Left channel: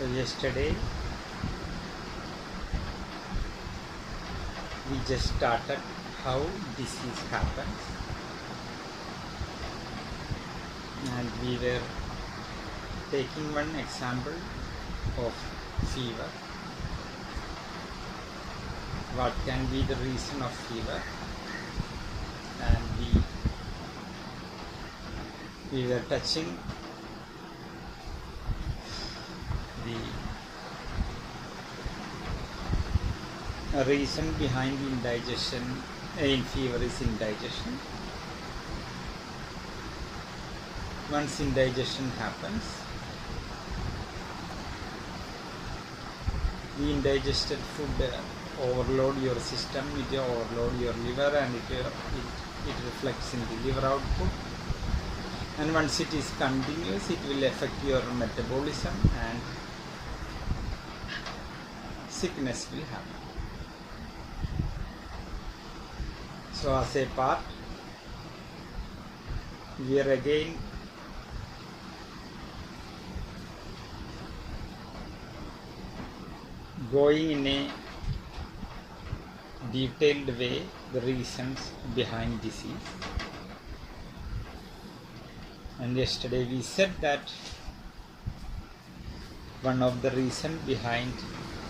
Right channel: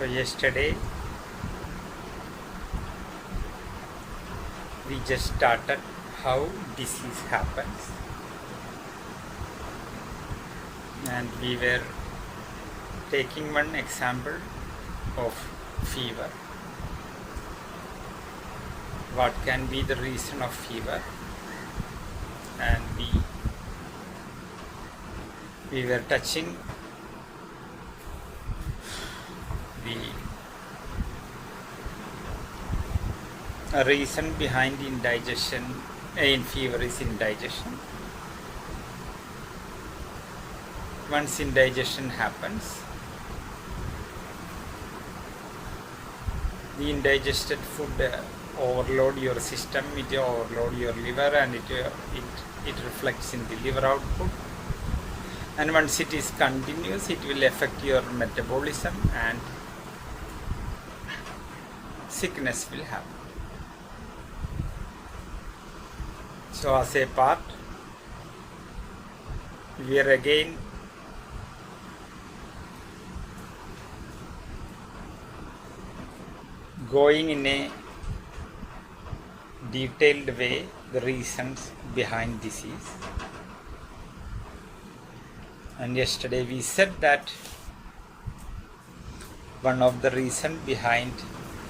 So yesterday we just started how disease happens, and we were taking one example of fever. What can be the reason of fever? And we were touching the reason behind the indigestion in fever is indigestion. Once indigestion happens, the indigested food overload your system, it overload your liver, and it reflects in the liver output. And once it is continuous, it will affect your metabolism and sickness will happen. So as a part, we are again going in a detailed way the reasons behind disease. And yesterday we said that one of the reasons behind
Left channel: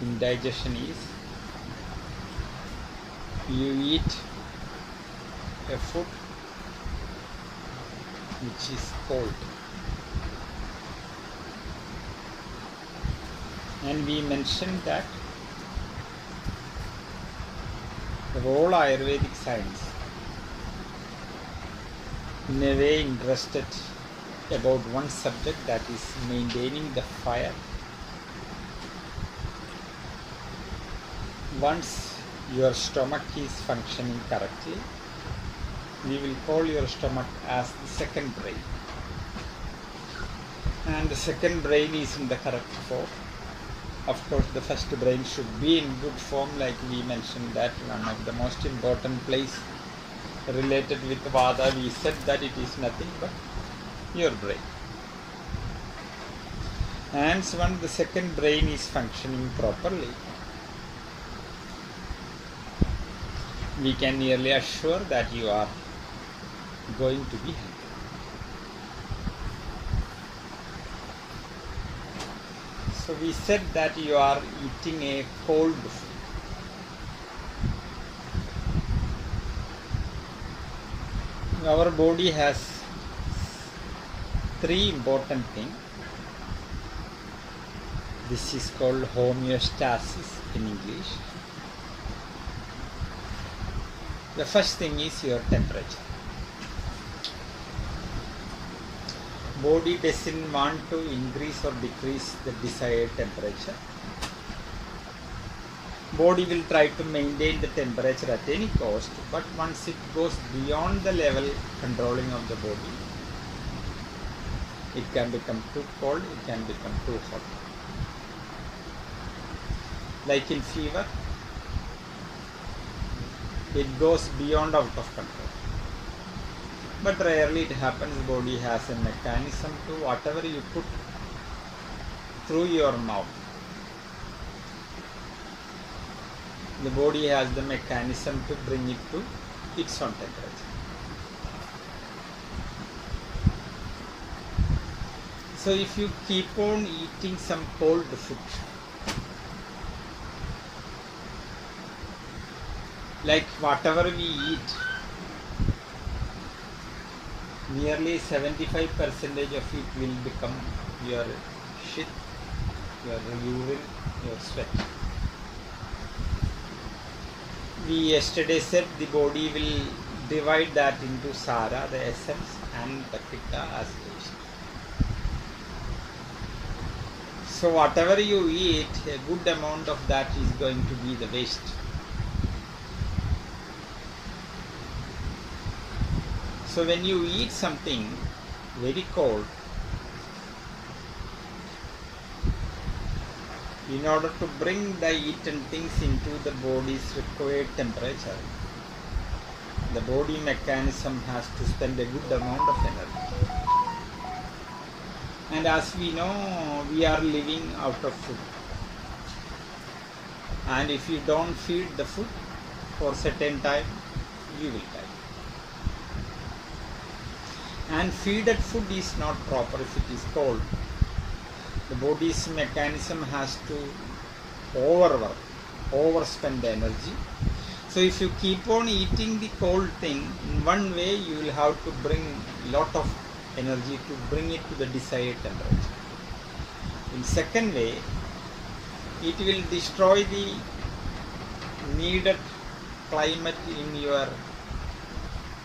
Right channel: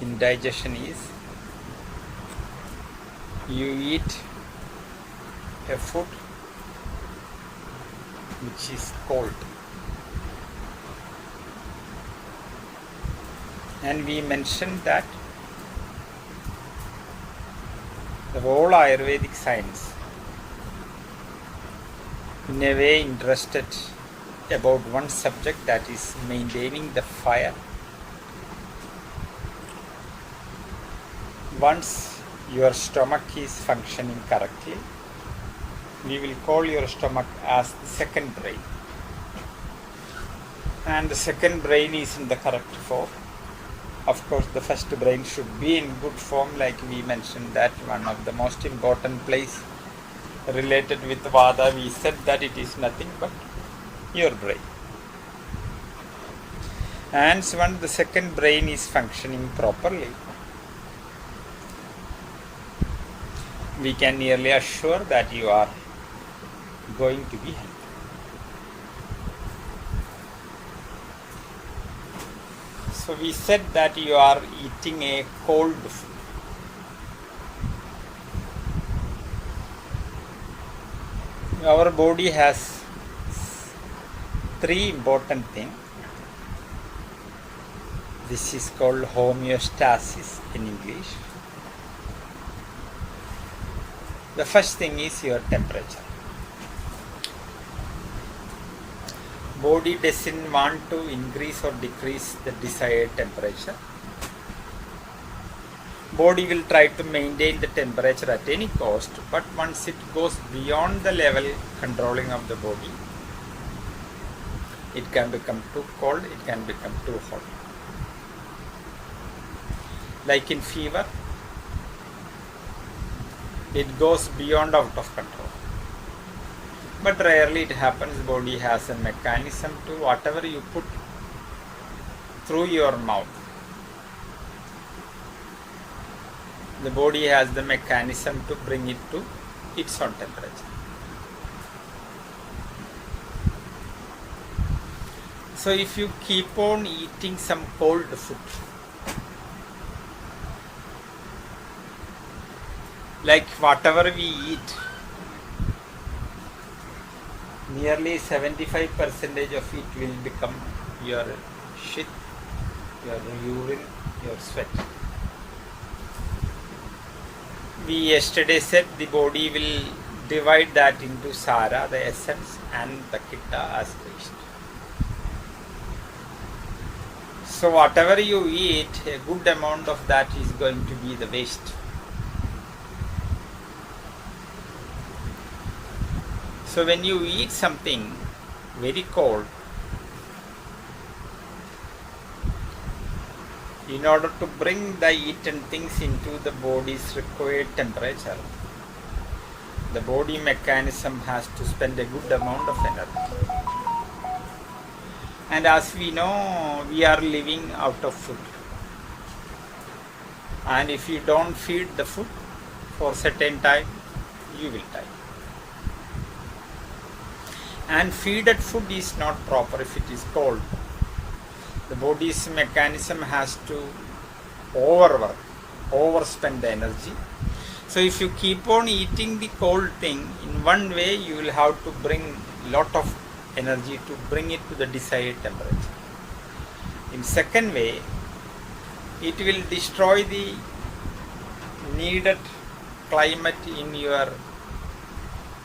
indigestion is you eat a food which is cold. And we mentioned that the whole Ayurvedic science in a way interested about one subject, that is maintaining the fire. Once your stomach is functioning correctly, we will call your stomach as the second brain, and the second brain is in the correct form. Of course, the first brain should be in good form, like we mentioned that one of the most important place related with Vada, we said that it is nothing but your brain. And so when the second brain is functioning properly, we can nearly assure that you are going to be healthy. So we said that you are eating a cold food. Our body has three important things. This is called homeostasis in English. The first thing is your temperature. Body doesn't want to increase or decrease the desired temperature. Body will try to maintain the temperature at any cost, but once it goes beyond the level controlling of the body, it can become too cold, it can become too hot. Like in fever, it goes beyond out of control. But rarely it happens. Body has a mechanism to whatever you put through your mouth. The body has the mechanism to bring it to its own temperature. So if you keep on eating some cold food, like whatever we eat, nearly 75% of it will become your shit, your urine, your sweat. We yesterday said the body will divide that into Sara, the essence, and the Pitta as waste. So whatever you eat, a good amount of that is going to be the waste. So when you eat something very cold, in order to bring the eaten things into the body's required temperature, the body mechanism has to spend a good amount of energy. And as we know, we are living out of food. And if you don't feed the food for certain time, you will die. And feeded food is not proper if it is cold. The body's mechanism has to overwork, overspend the energy. So if you keep on eating the cold thing, in one way you will have to bring lot of energy to bring it to the desired temperature. In second way, it will destroy the needed climate in your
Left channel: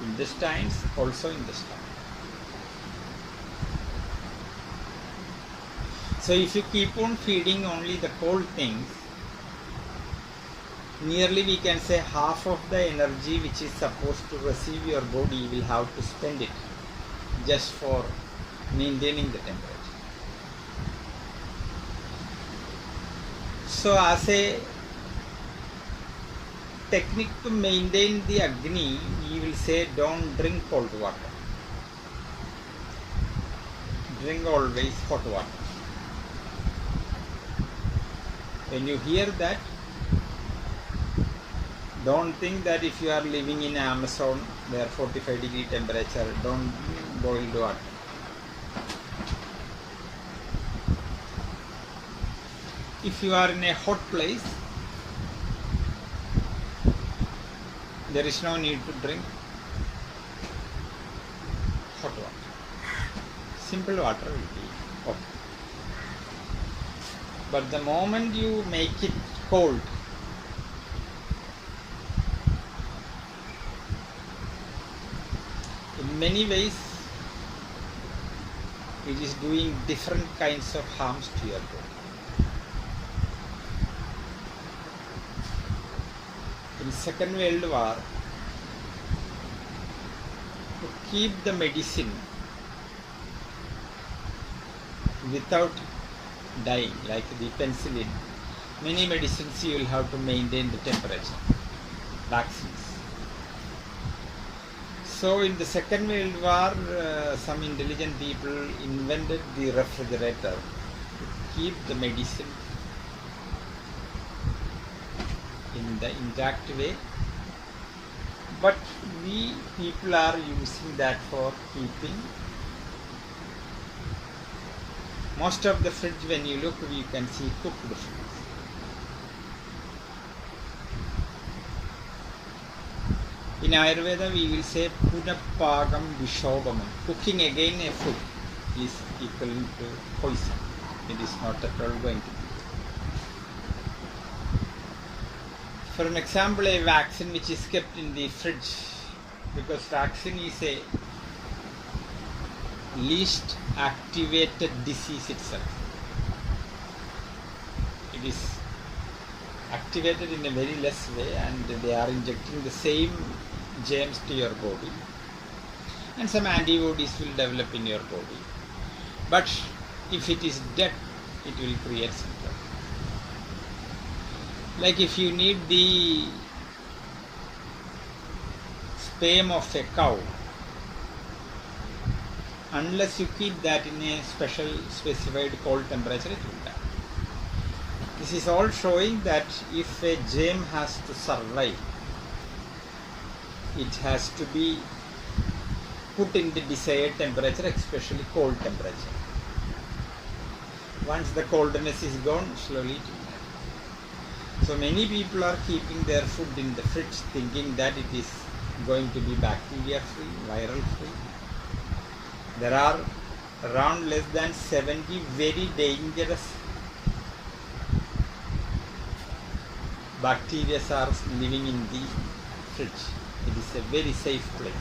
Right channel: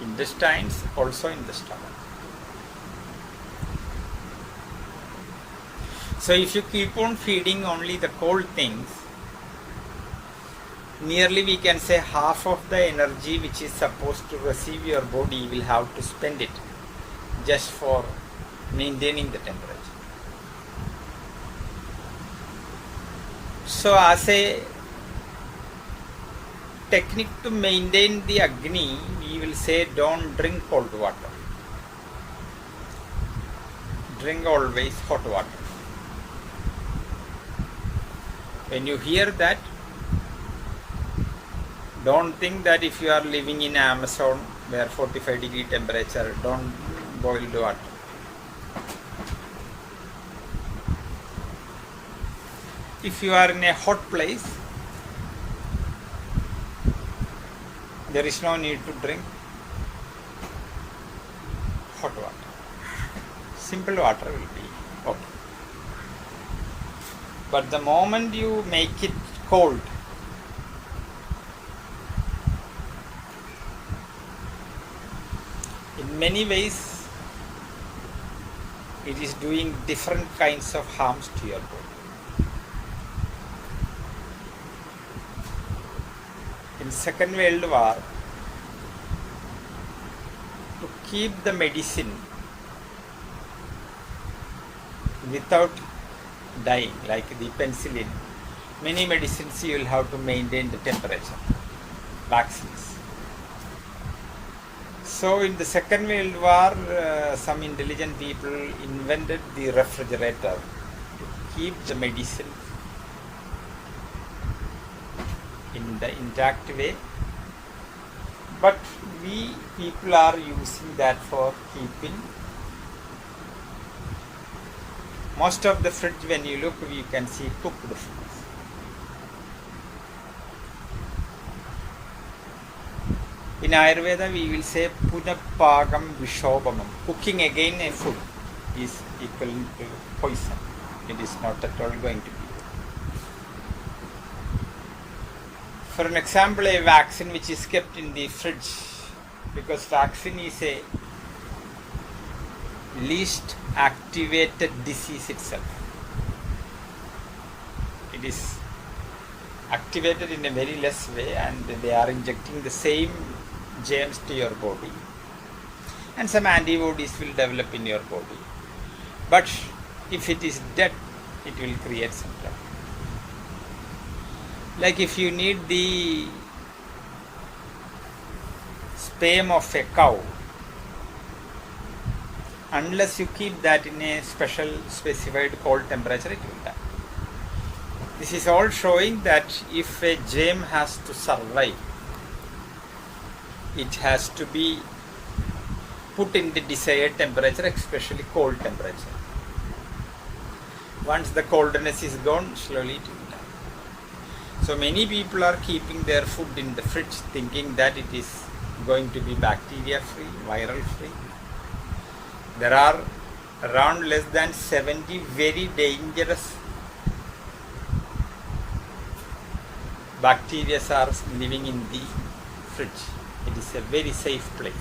intestines, also in the stomach. So if you keep on feeding only the cold things, nearly we can say half of the energy which is supposed to receive your body will have to spend it just for maintaining the temperature. So as a technique to maintain the Agni, we will say don't drink cold water. Drink always hot water. When you hear that, don't think that if you are living in Amazon where 45-degree temperature, don't boil the water. If you are in a hot place, there is no need to drink hot water. Simple water will be okay. But the moment you make it cold, in many ways it is doing different kinds of harms to your body. In Second World War, to keep the medicine without dying, like the penicillin, many medicines you will have to maintain the temperature, vaccines. So in the Second World War, some intelligent people invented the refrigerator to keep the medicine in the intact way. But we people are using that for keeping. Most of the fridge, when you look, you can see cooked foods. In Ayurveda, we will say punapagam vishobamam. Cooking again a food is equivalent to poison. It is not at all going to be. For an example, a vaccine which is kept in the fridge, because vaccine is a least activated disease itself. It is activated in a very less way, and they are injecting the same germs to your body, and some antibodies will develop in your body. But if it is dead, it will create some trouble. Like if you need the sperm of a cow, unless you keep that in a special specified cold temperature, it will die. This is all showing that if a germ has to survive, it has to be put in the desired temperature, especially cold temperature. Once the coldness is gone, slowly it will die. So many people are keeping their food in the fridge thinking that it is going to be bacteria free, viral free. There are around less than 70 very dangerous bacteria are living in the fridge. It is a very safe place.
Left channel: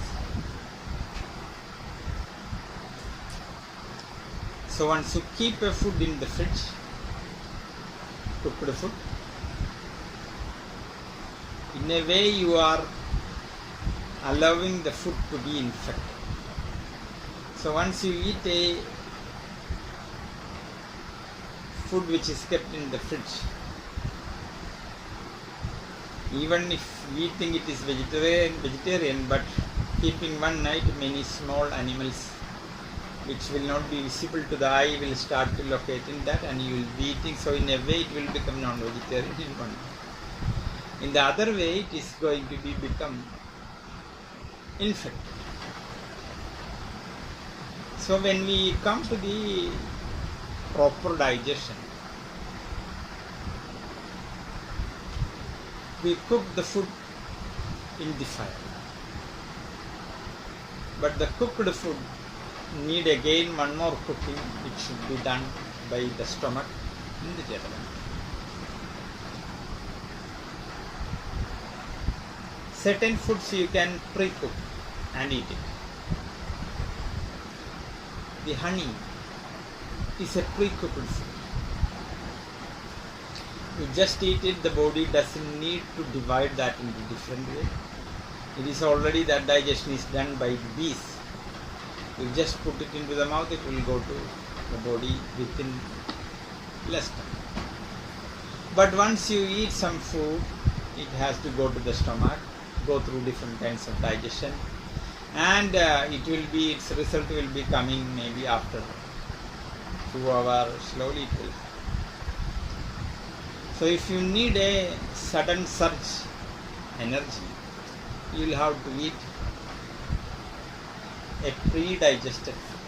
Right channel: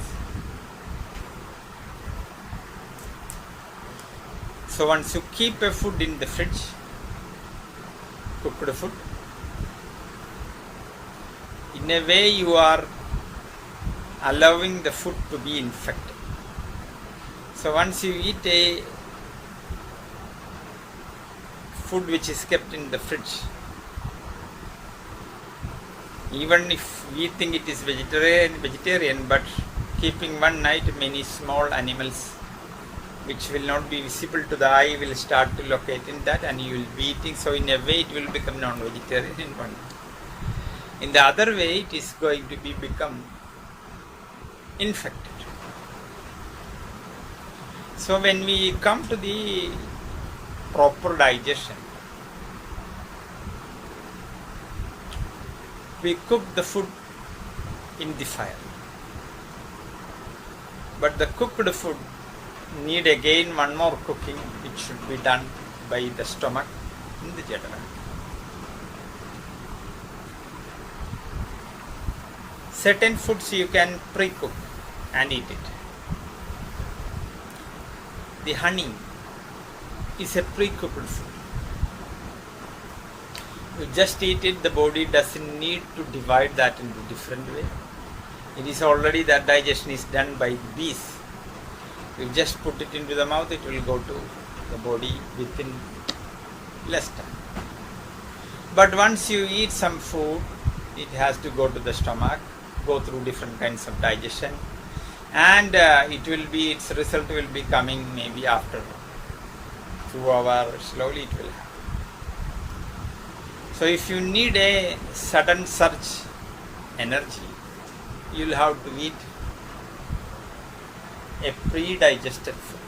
So once you keep a food in the fridge, cooked food, in a way you are allowing the food to be infected. So once you eat a food which is kept in the fridge, even if we think it is vegetarian, but keeping one night, many small animals which will not be visible to the eye, will start to locate in that, and you will be eating. So in a way it will become non-vegetarian in one. In the other way, it is going to become infected. So when we come to the proper digestion, we cook the food in the fire. But the cooked food need again one more cooking, which should be done by the stomach in the general. Certain foods you can pre-cook and eat it. The honey is a pre-cooked food. You just eat it, the body doesn't need to divide that into different way. It is already, that digestion is done by the bees. You just put it into the mouth, it will go to the body within less time. But once you eat some food, it has to go to the stomach, go through different kinds of digestion, and its result will be coming maybe after 2 hours, slowly it will happen. So if you need a sudden surge energy, you will have to eat a pre-digested food.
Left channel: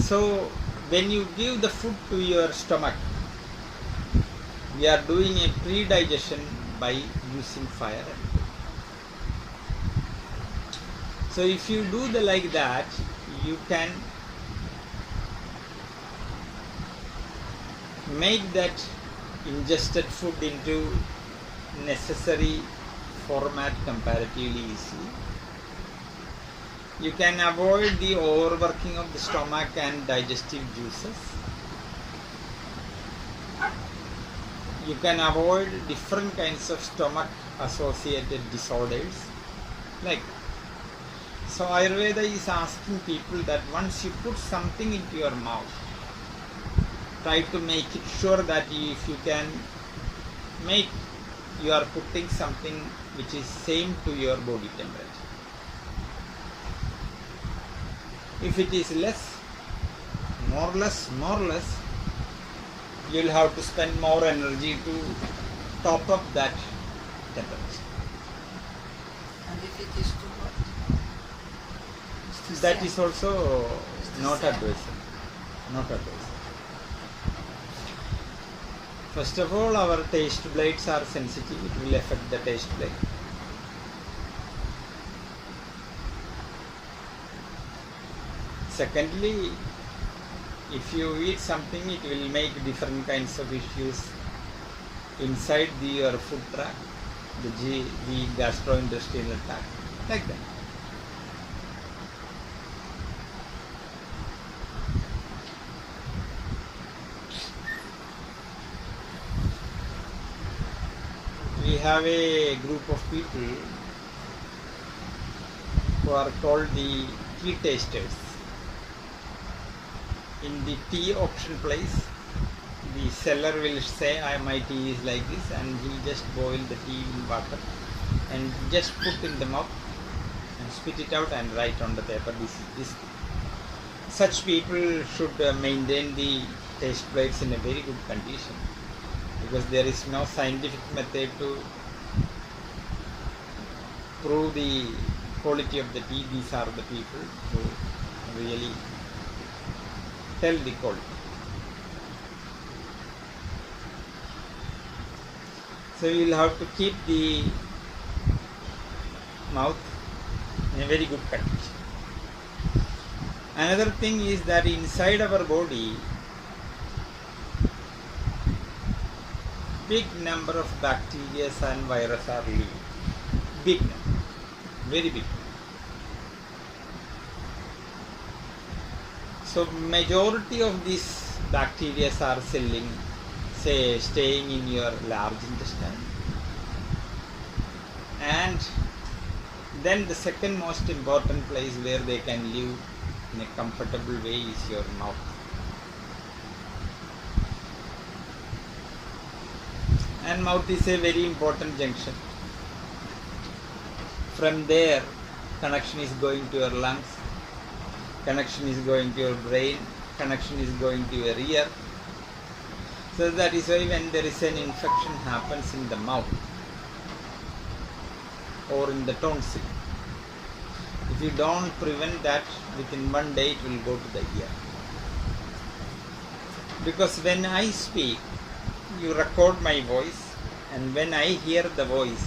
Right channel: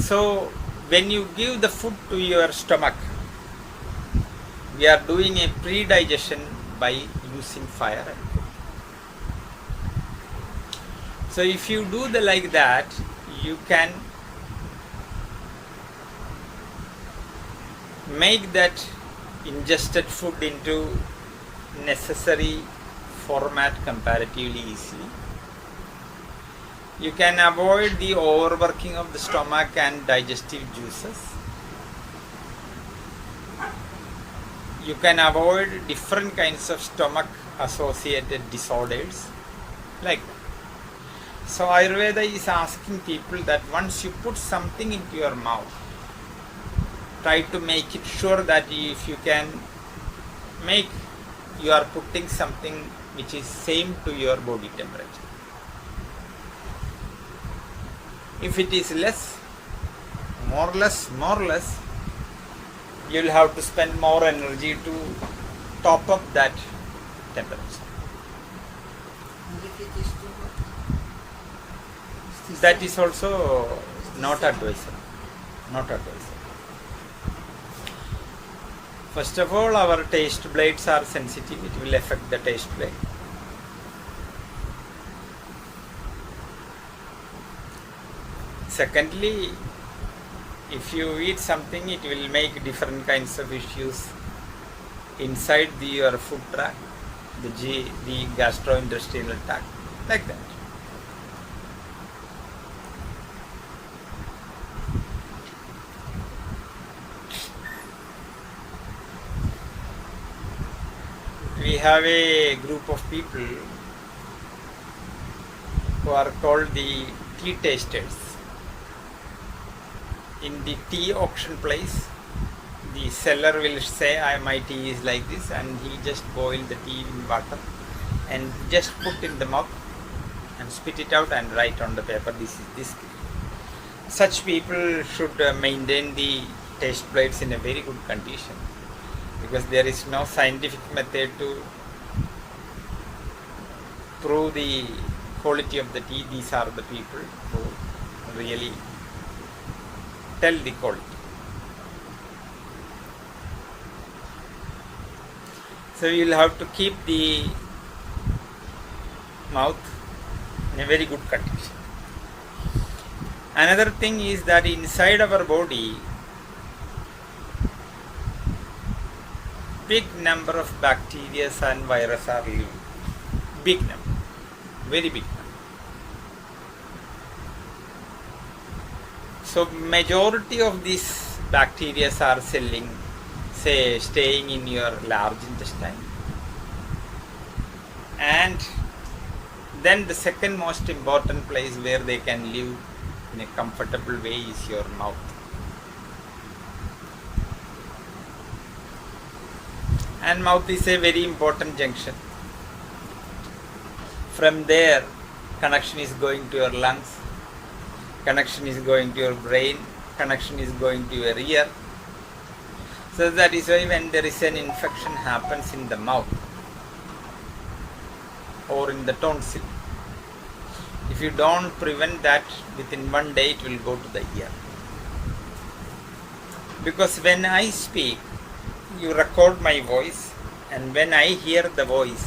So when you give the food to your stomach, we are doing a pre-digestion by using fire. So if you do like that, you can make that ingested food into necessary format comparatively easily. You can avoid the overworking of the stomach and digestive juices. You can avoid different kinds of stomach associated disorders. So Ayurveda is asking people that once you put something into your mouth, try to make it sure that if you can make, you are putting something which is same to your body temperature. If it is less, more or less, you will have to spend more energy to top up that temperature. And if it is too hot? That is also not advisable. First of all, our taste blades are sensitive. It will affect the taste blade. Secondly, if you eat something, it will make different kinds of issues inside your food tract, the gastrointestinal tract, like that. We have a group of people who are called the tea tasters. In the tea auction place, the seller will say, my tea is like this, and he just boil the tea in water and just put in the mouth and spit it out and write on the paper, this is this. Such people should maintain the taste buds in a very good condition, because there is no scientific method to prove the quality of the tea. These are the people who really tell the quality. So you will have to keep the mouth in a very good condition. Another thing is that inside our body, big number of bacteria and viruses are living. Big number, very big. So majority of these bacteria are staying in your large intestine, and then the second most important place where they can live in a comfortable way is your mouth. And mouth is a very important junction From there, connection is going to your lungs, connection is going to your brain, connection is going to your ear. So that is why when there is an infection happens in the mouth or in the tonsil, if you don't prevent that, within one day it will go to the ear. Because when I speak, you record my voice, and when I hear the voice,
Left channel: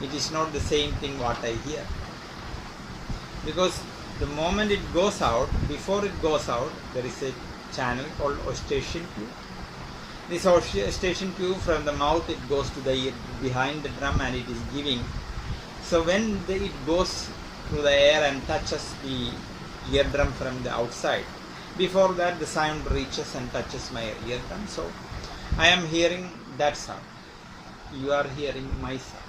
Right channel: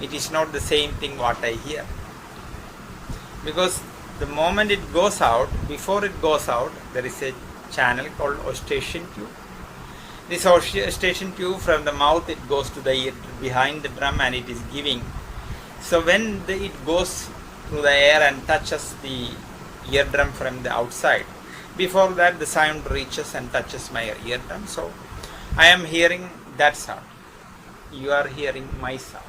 it is not the same thing what I hear. Because the moment it goes out, before it goes out, there is a channel called eustachian tube. This eustachian tube, from the mouth it goes to the ear behind the drum, and it is giving. So when it goes through the air and touches the eardrum from the outside, before that the sound reaches and touches my eardrum. So I am hearing that sound. You are hearing my sound.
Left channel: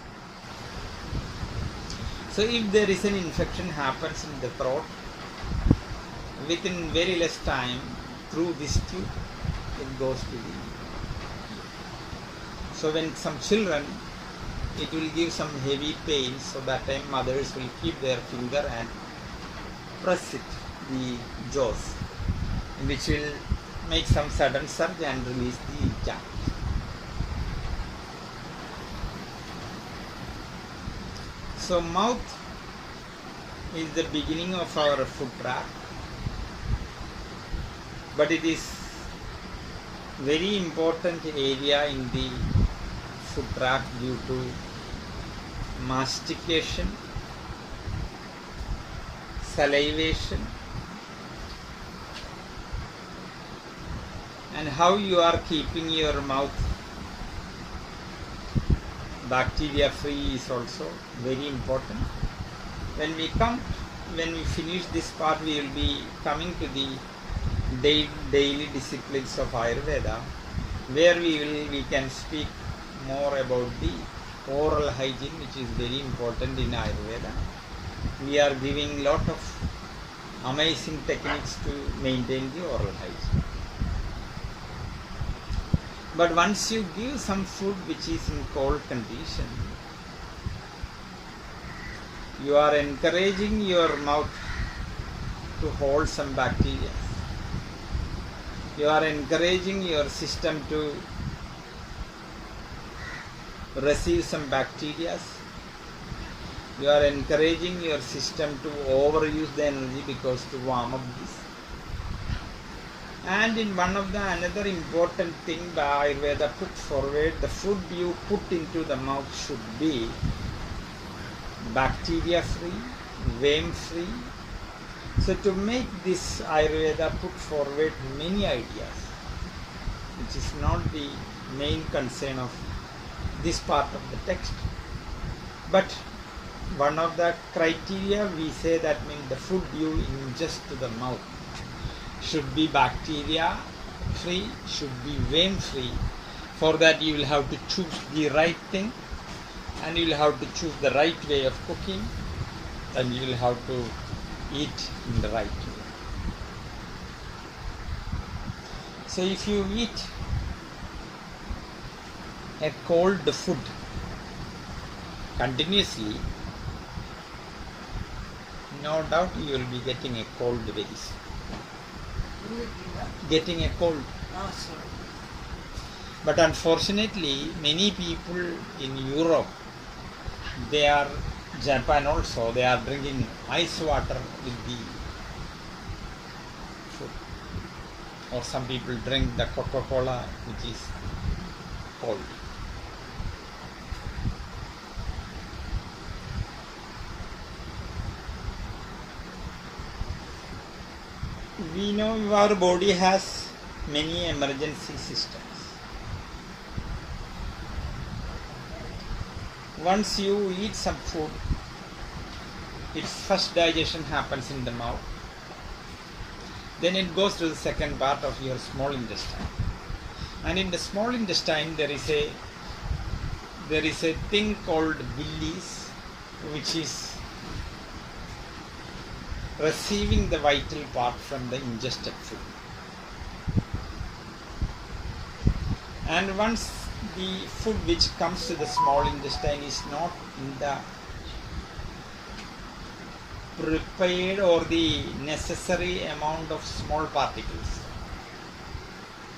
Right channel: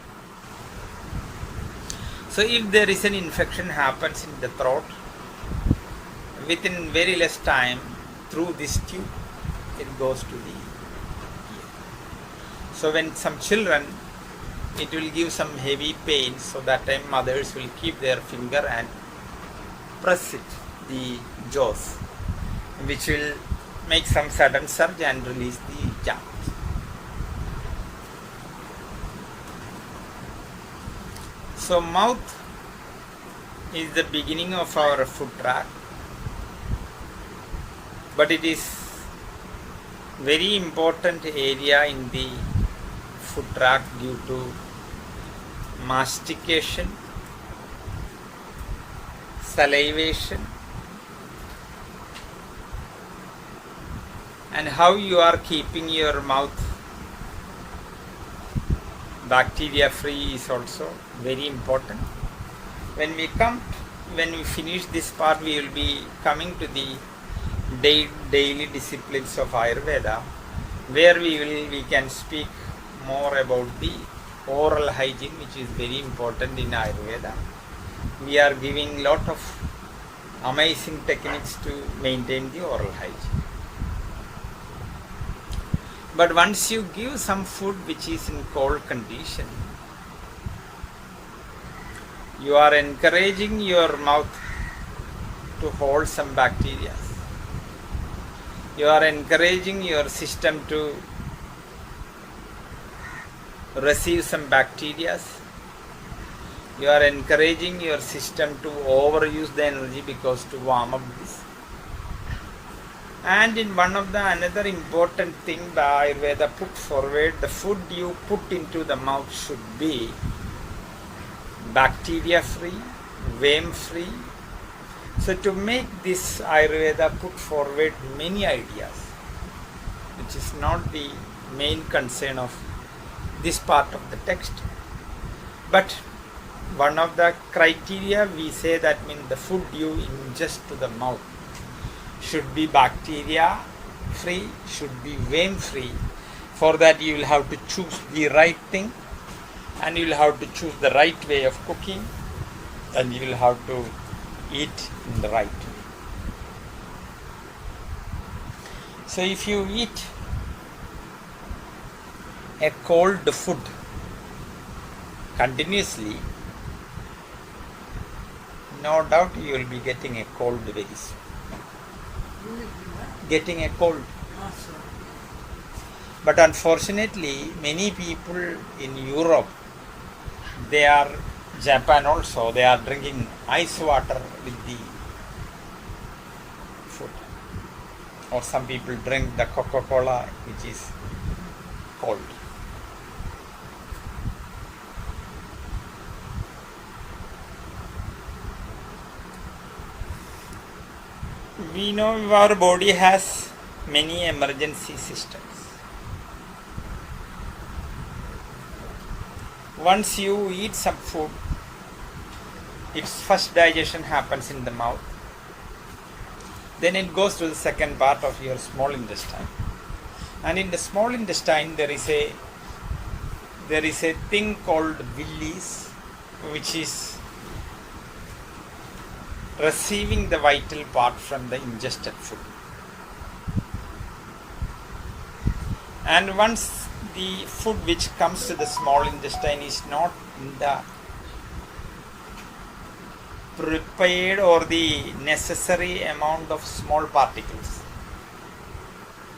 So if there is an infection happens in the throat, within very less time, through this tube, it goes to the ear. So when some children, it will give some heavy pain, so that time mothers will keep their finger and press it, the jaws, which will make some sudden surge and release the germs. So mouth is the beginning of our food tract, but it is very important area in the food tract due to mastication, salivation, and how you are keeping your mouth bacteria free is also very important. When we finish this part, we will be coming to the daily disciplines of Ayurveda, where we can speak more about the oral hygiene, which is very important in Ayurveda. We are giving lot of amazing techniques to maintain the oral hygiene. But once you give some food which is in cold condition, you are encouraging your mouth to hold some bacteria. You are encouraging your system to receive some bacteria. You are encouraging your system to overuse the energy because to warm up this. And in one of the another important thing the Ayurveda put forward, the food you put into the mouth should be bacteria free, worm free. So to make this, Ayurveda put forward many ideas, which is not the main concern of this part of the text. But one of the criteria we say that means the food you ingest to the mouth should be bacteria free, should be worm free. For that you will have to choose the right thing, and you will have to choose the right way of cooking, and you will have to eat in the right way. So if you eat a cold food continuously, no doubt you will be getting a cold very soon. Getting a cold. Also. But unfortunately, many people in Europe, they are, Japan also, they are drinking ice water with the food. Or some people drink the Coca-Cola, which is cold. We know our body has many emergency systems. Once you eat some food, its first digestion happens in the mouth. Then it goes to the second part of your small intestine. And in the small intestine there is a thing called villis, which is receiving the vital part from the ingested food. And once the food which comes to the small intestine is not in the prepared or the necessary amount of small particles.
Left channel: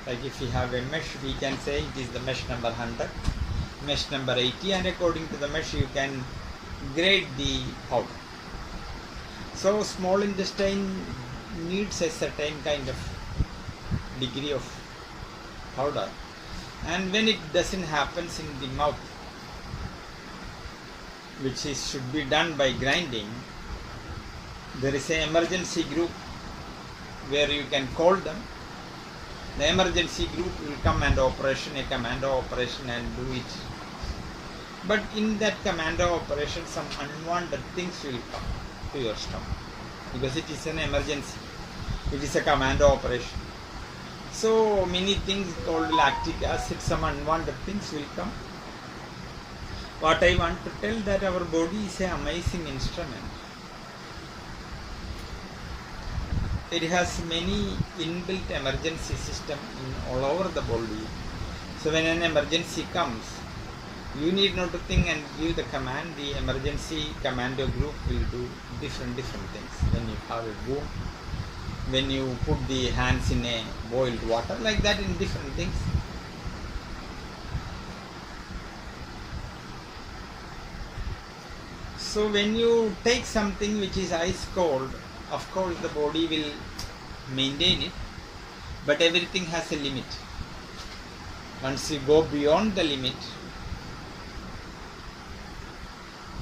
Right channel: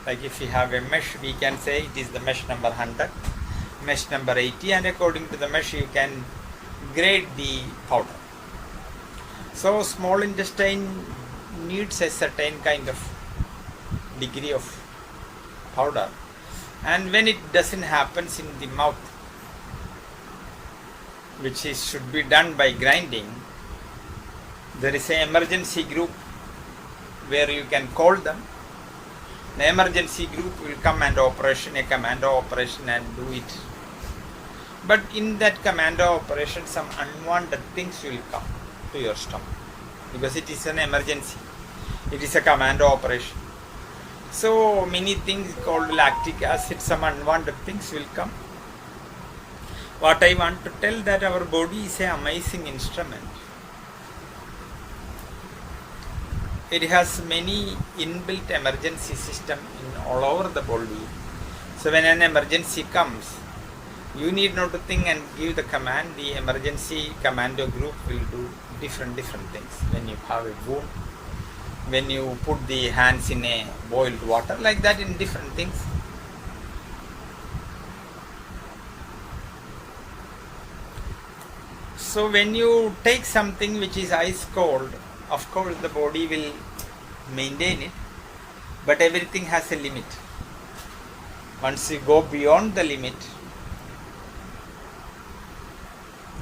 Like if we have a mesh, we can say it is the mesh number 100, mesh number 80, and according to the mesh you can grade the powder. So small intestine needs a certain kind of degree of powder, and when it doesn't happen in the mouth, which should be done by grinding, there is an emergency group where you can call them. The emergency group will come and a commando operation and do it. But in that commando operation, some unwanted things will come to your stomach because it is an emergency. It is a commando operation. So many things called lactic acid, some unwanted things will come. What I want to tell that our body is an amazing instrument. It has many inbuilt emergency system in all over the body. So when an emergency comes, you need not to think and give the command. The emergency commando group will do different things. When you have a wound, when you put the hands in a boiled water, like that in different things. So when you take something which is ice cold, of course the body will maintain it, but everything has a limit. Once you go beyond the limit,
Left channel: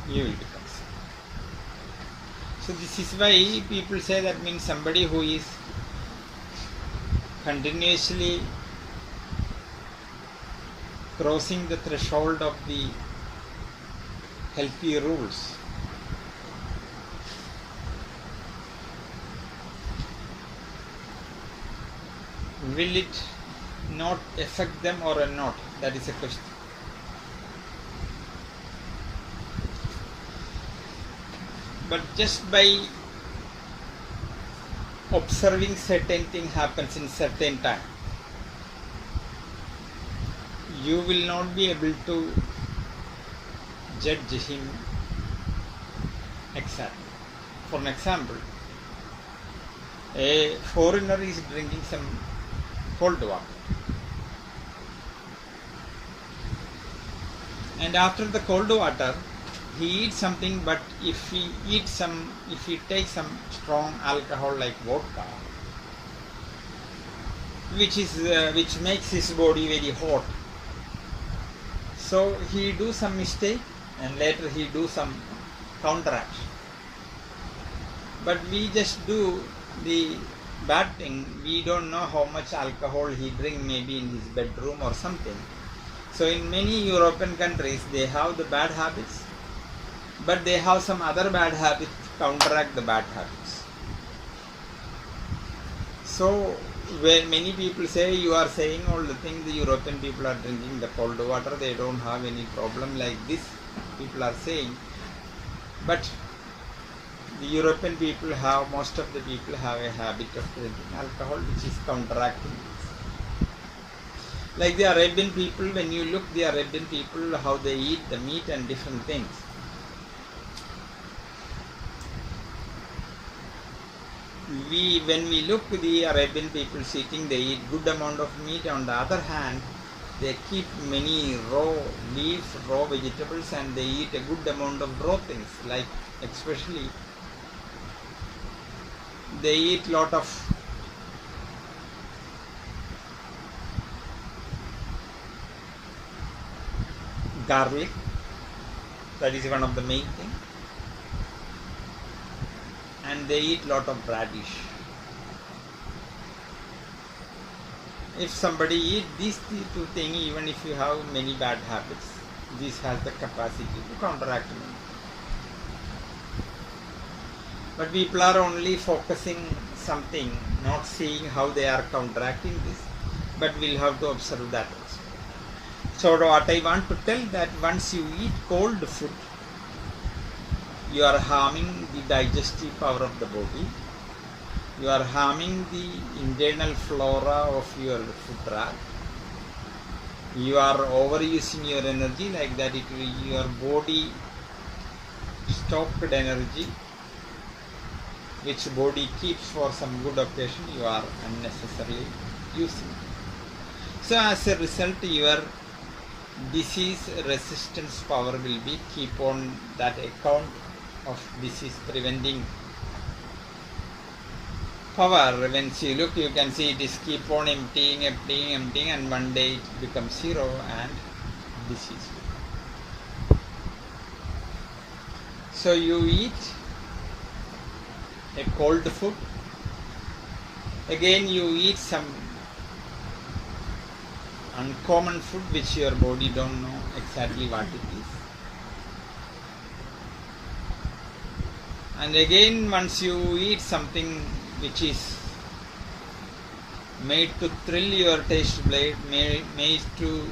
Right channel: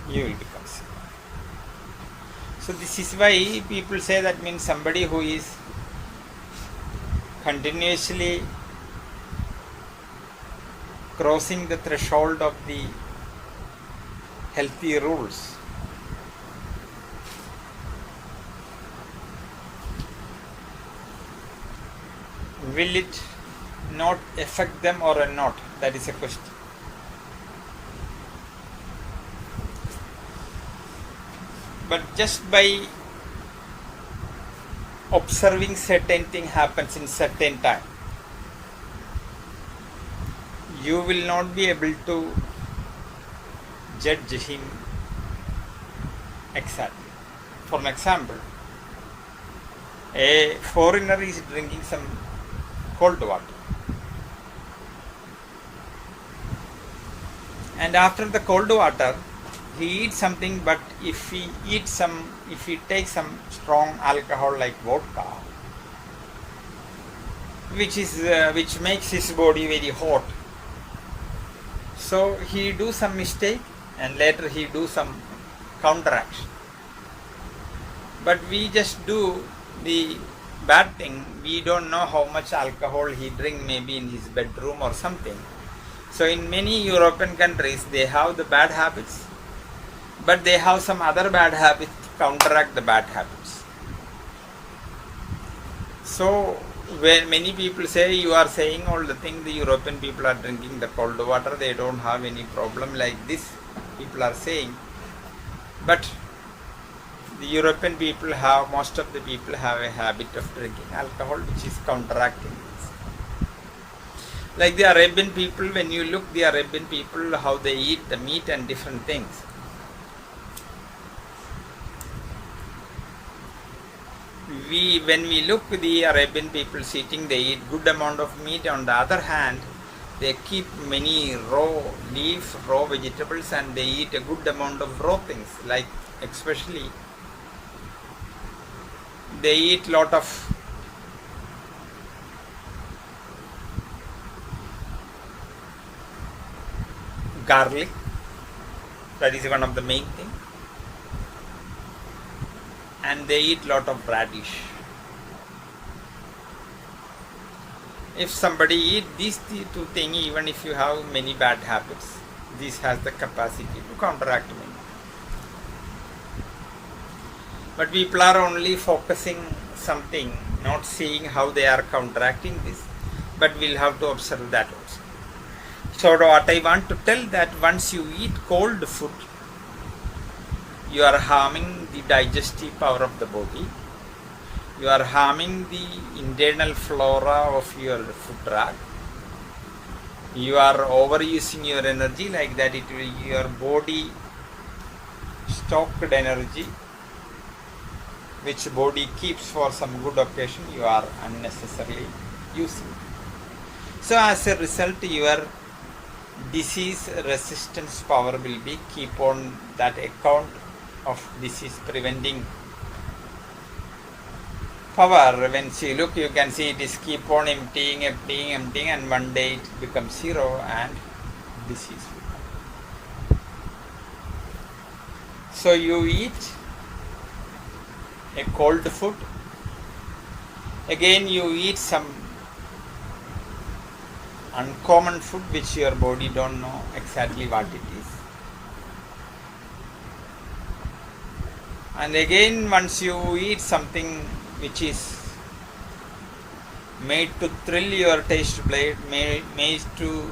you will become sick. So this is why people say that means somebody who is continuously crossing the threshold of the healthy rules, will it not affect them or not? That is a question. But just by observing certain thing happens in certain time, you will not be able to judge him exactly. For an example, a foreigner is drinking some cold water, and after the cold water he eats something, but if he takes some strong alcohol like vodka, which makes his body very hot, so he do some mistake and later he do some counteraction. But we just do the bad thing. We don't know how much alcohol he drink, maybe in his bedroom or something. So in many European countries they have the bad habits, but they have some other bad habits to counteract the bad habits. So when many people say, you are saying all the thing, the European people are drinking the cold water, they don't have any problem like this, people are saying. But the European people have, most of the people have a habit of drinking alcohol, which is counteracting this. Like the Arabian people, when you look the Arabian people, how they eat the meat and different things. When we look the Arabian people eating, they eat good amount of meat. On the other hand, they keep many raw leaf, raw vegetables, and they eat a good amount of raw things, like especially they eat lot of garlic. That is one of the main thing. And they eat lot of radish. If somebody eat these two things, even if you have many bad habits, this has the capacity to counteract them. But people are only focusing something, not seeing how they are counteracting this. But we'll have to observe that also. So what I want to tell that once you eat cold food, you are harming the digestive power of the body. You are harming the internal flora of your food tract. You are overusing your energy, like that it will, your body stocked energy which body keeps for some good occasion, you are unnecessarily using. So as a result, your disease resistance power will be keep on that account of disease preventing power. When you look, you can see it is keep on emptying, and one day it becomes zero and disease. So you eat a cold food, again you eat some uncommon food which your body don't know exactly what it is, and again once you eat something which is made to thrill your taste blade, made to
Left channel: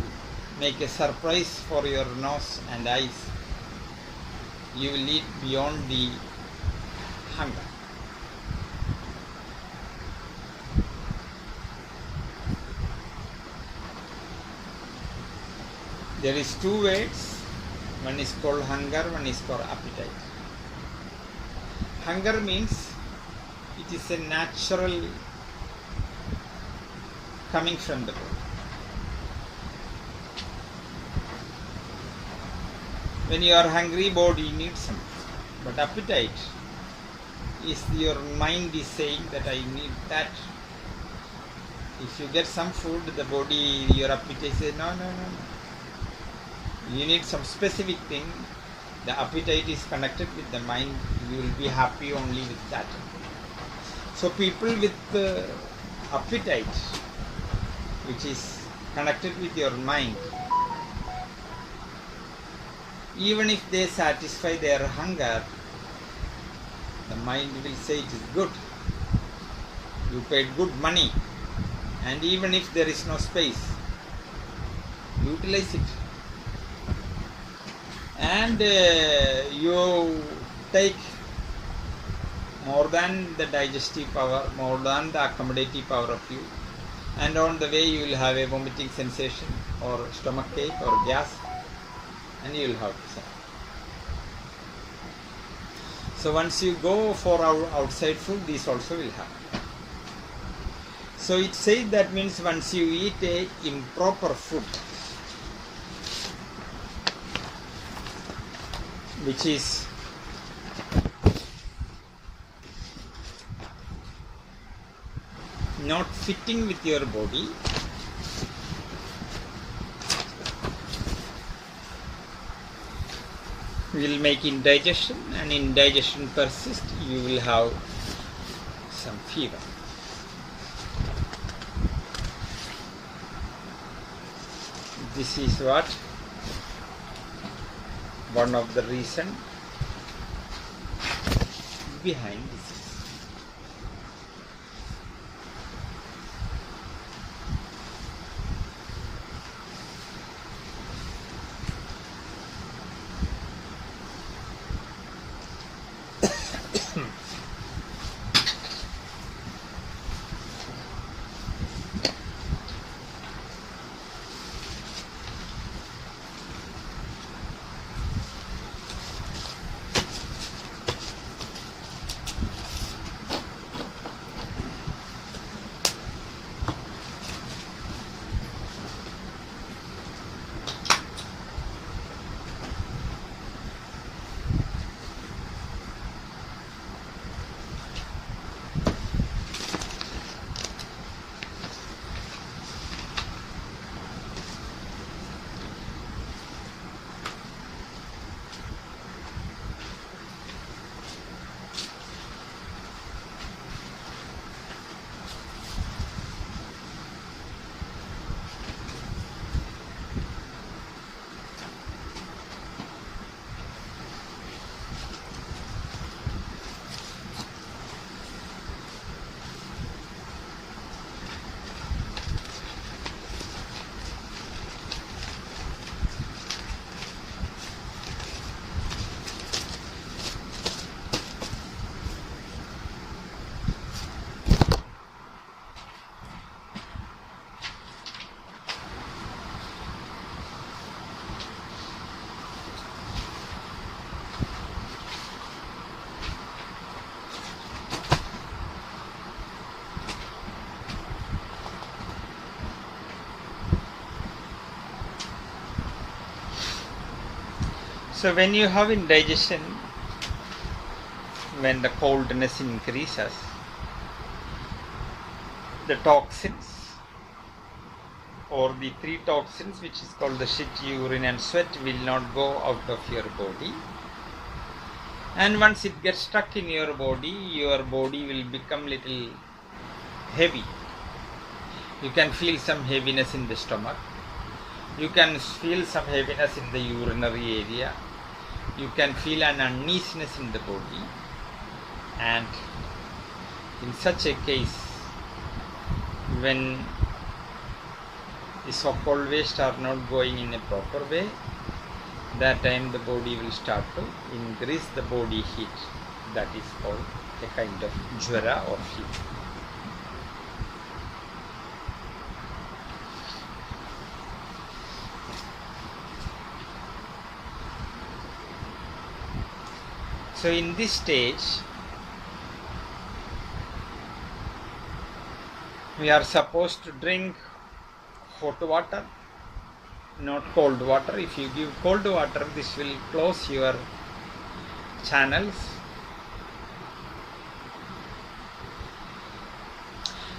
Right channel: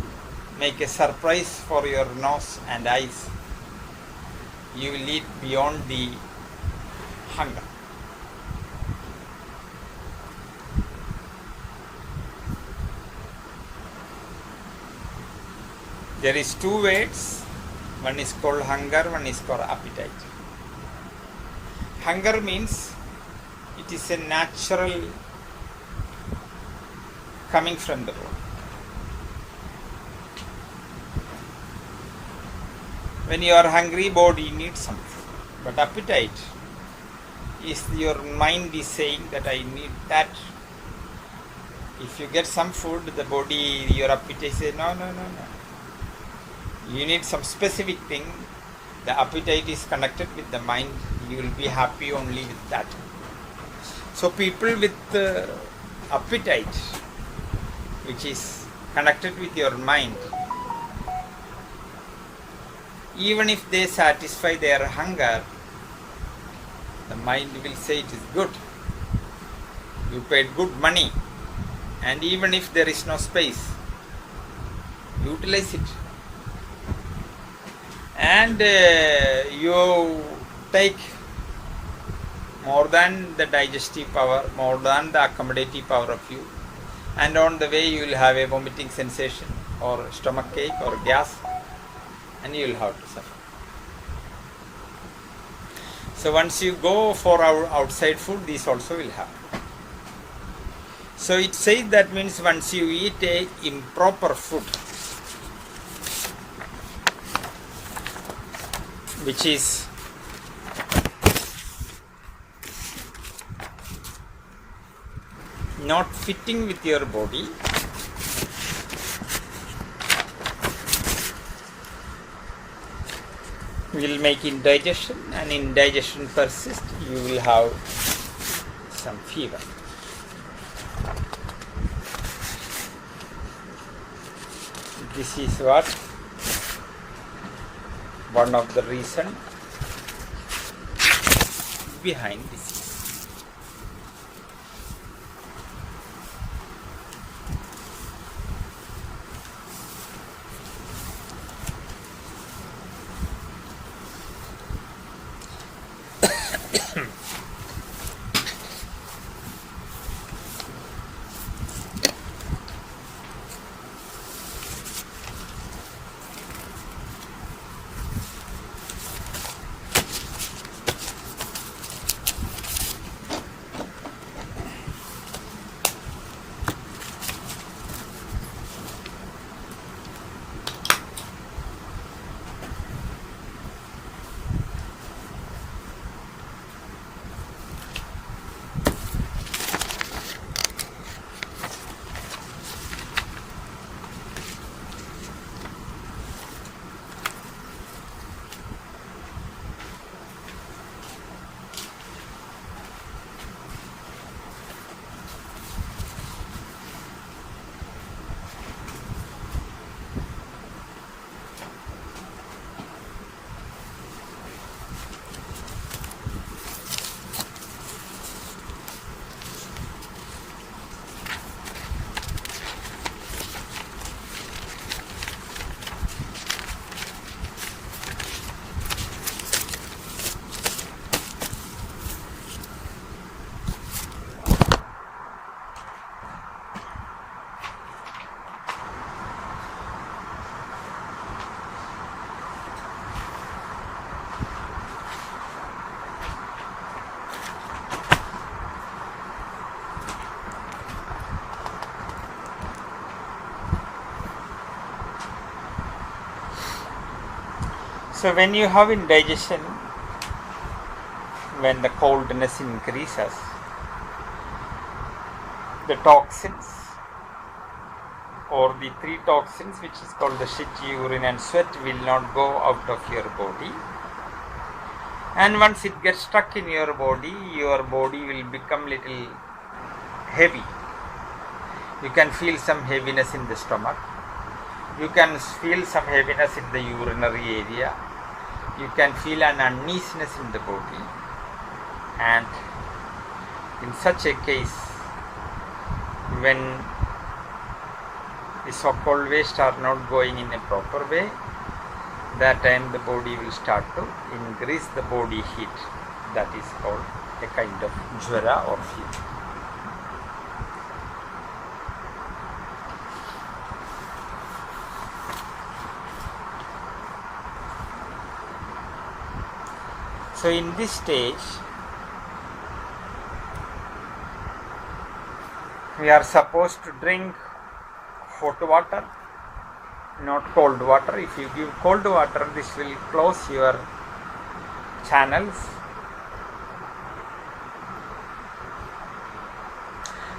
make a surprise for your nose and eyes, you will eat beyond the hunger. There is two words, one is called hunger, one is called appetite. Hunger means it is a natural coming from the body. When you are hungry, body needs something. But appetite is your mind is saying that I need that. If you get some food, the body, your appetite says no. You need some specific thing. The appetite is connected with the mind. You will be happy only with that. So people with appetite, which is connected with your mind, even if they satisfy their hunger, the mind will say it is good. You paid good money, and even if there is no space, utilize it. And you take more than the digestive power, more than the accommodative power of you, and on the way you will have a vomiting sensation or stomach ache or gas, and you will have to suffer. So once you go for our outside food, this also will happen. So it says that means once you eat a improper food, which is not fitting with your body, will make indigestion, and indigestion persist, you will have some fever. This is what one of the reason behind this is. So when you have indigestion, when the coldness increases, the toxins or the three toxins, which is called the shit, urine and sweat, will not go out of your body. And once it gets stuck in your body will become little heavy. You can feel some heaviness in the stomach. You can feel some heaviness in the urinary area. You can feel an uneasiness in the body. And in such a case, when the so-called waste are not going in a proper way, that time the body will start to increase the body heat. That is called a kind of jwara or fever. So in this stage, we are supposed to drink hot water, not cold water. If you give cold water, this will close your channels.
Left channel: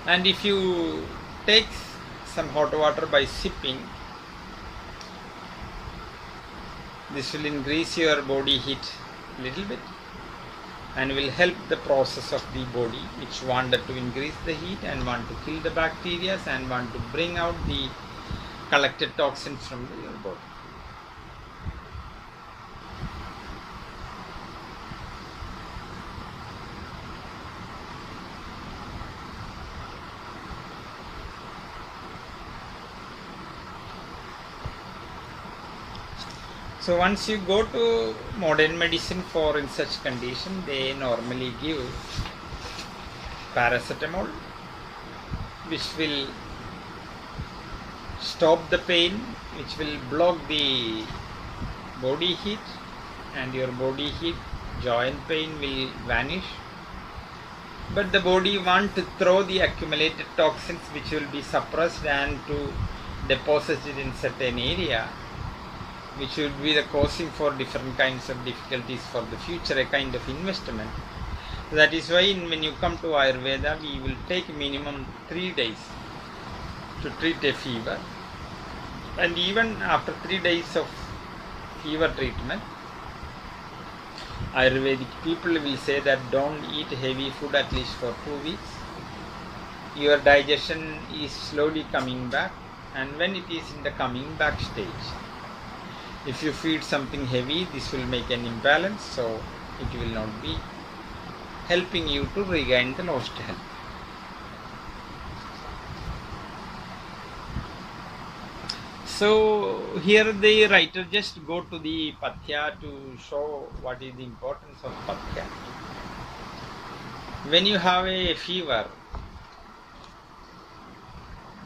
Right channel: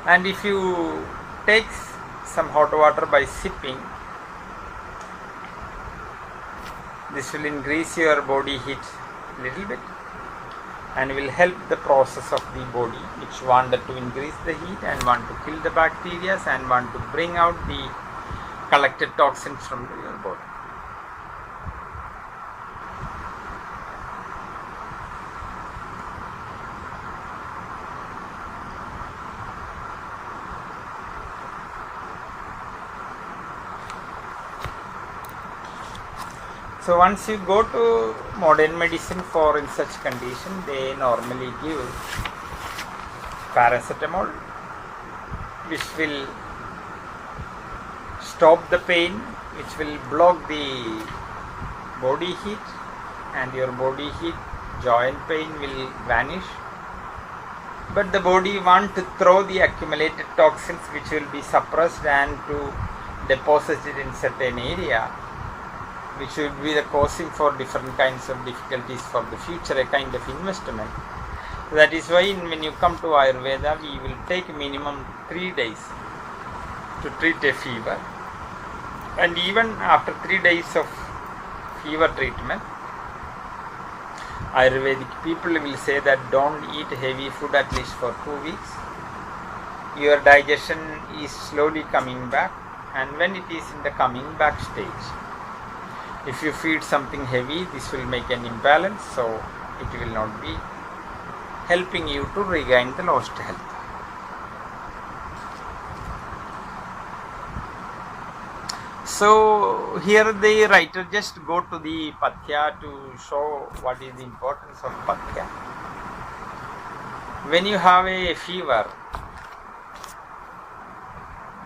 And if you take some hot water by sipping, this will increase your body heat a little bit and will help the process of the body, which wanted to increase the heat and want to kill the bacteria and want to bring out the collected toxins from your body. So once you go to modern medicine for in such condition, they normally give paracetamol, which will stop the pain, which will block the body heat, and your body heat, joint pain will vanish. But the body wants to throw the accumulated toxins, which will be suppressed, and to deposit it in certain area, which will be the causing for different kinds of difficulties for the future, a kind of investment. That is why when you come to Ayurveda, we will take minimum 3 days to treat a fever. And even after 3 days of fever treatment, Ayurvedic people will say that don't eat heavy food at least for 2 weeks. Your digestion is slowly coming back, and when it is in the coming back stage, if you feed something heavy, this will make an imbalance, so it will not be helping you to regain the lost health. So here the writer just go to the pathya to show what is the importance of pathya. When you have a fever,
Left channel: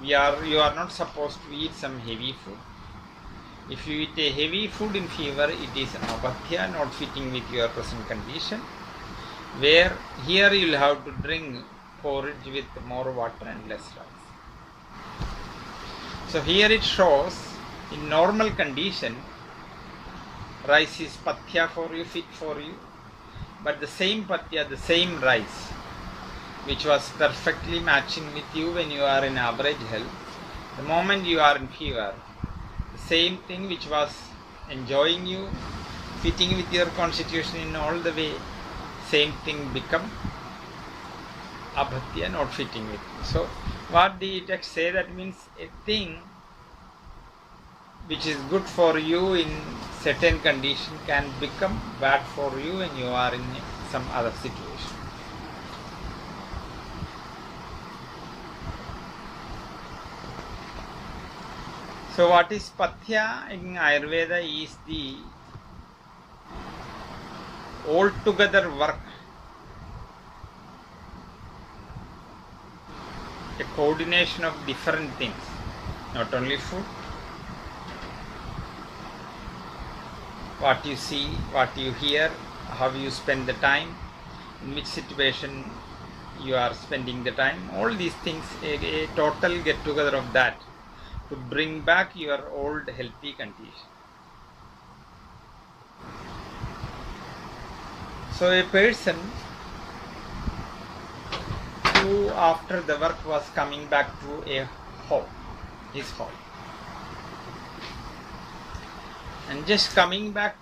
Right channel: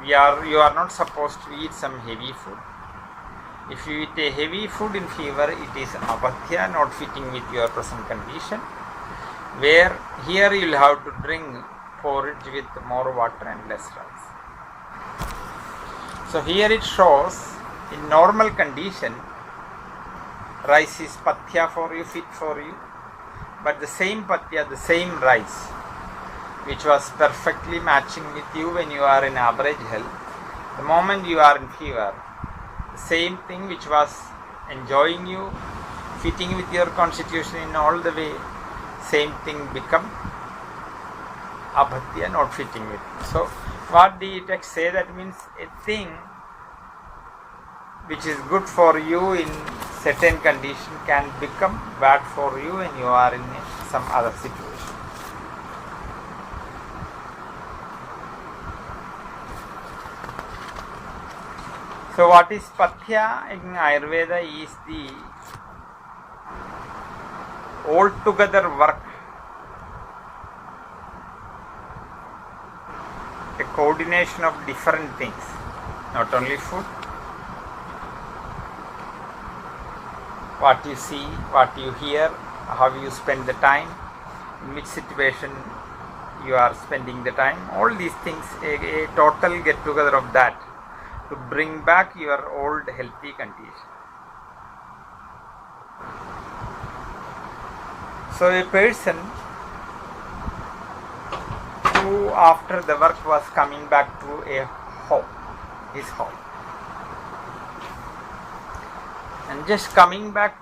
you are not supposed to eat some heavy food. If you eat a heavy food in fever, it is apathya, not fitting with your present condition. Where here you will have to drink porridge with more water and less rice. So here it shows, in normal condition, rice is pathya for you, fit for you. But the same pathya, the same rice, which was perfectly matching with you when you are in average health, the moment you are in fever, same thing which was enjoying you, fitting with your constitution in all the way, same thing become abhatya, not fitting with you. So what the text say, that means a thing which is good for you in certain condition can become bad for you when you are in some other situation. So what is pathya in Ayurveda is the altogether work, a coordination of different things, not only food, what you see, what you hear, how you spend the time, in which situation you are spending the time, all these things, a total get together of that, to bring back your old healthy condition. So a person who after the work was coming back to his home, and just coming back,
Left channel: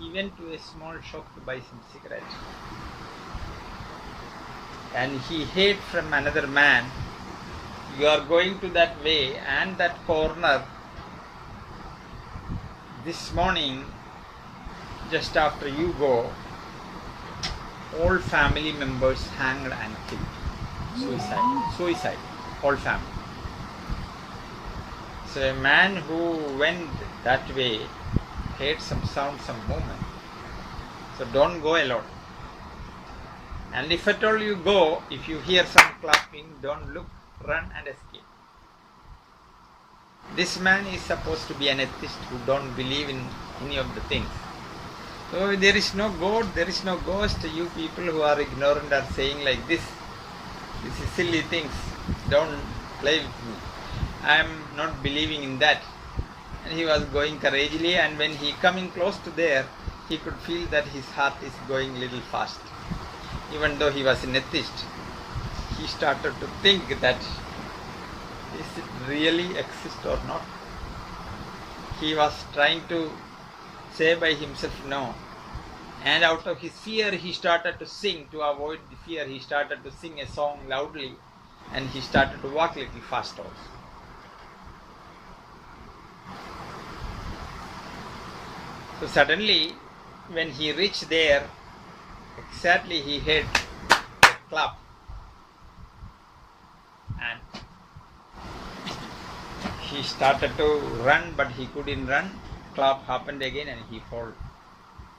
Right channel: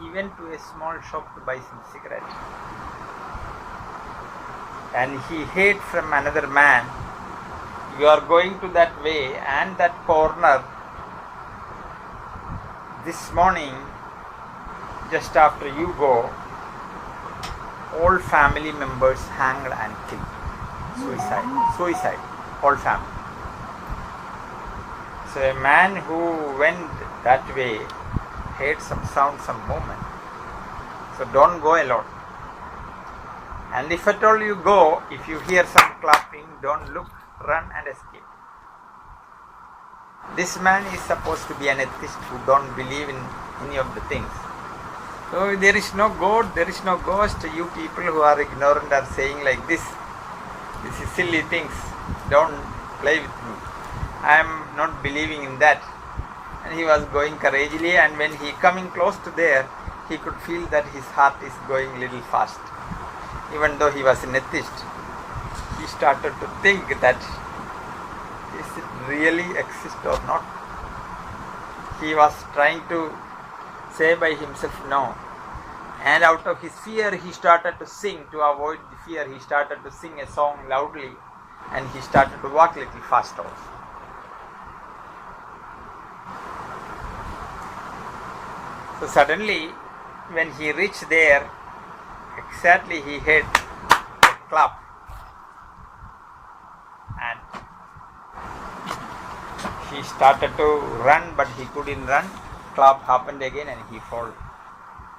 he went to a small shop to buy some cigarettes, and he heard from another man, "You are going to that way and that corner this morning, just after you go, all family members hanged and killed. Suicide, all family." So a man who went that way heard some sound, some movement. So don't go alone. And if at all you go, if you hear some clapping, don't look, run and escape. This man is supposed to be an atheist who don't believe in any of the things. So there is no God, there is no ghost. You people who are ignorant are saying like this. This is silly things. Don't play with me. I am not believing in that. And he was going courageously, and when he coming close to there, he could feel that his heart is going little fast. Even though he was an atheist, he started to think that is it really exist or not. He was trying to say by himself no. And out of his fear, he started to sing. To avoid the fear, he started to sing a song loudly, and he started to walk a little faster. So suddenly, when he reached there, exactly he heard a clap, and he started to run, but he couldn't run. Clap happened again, and he fell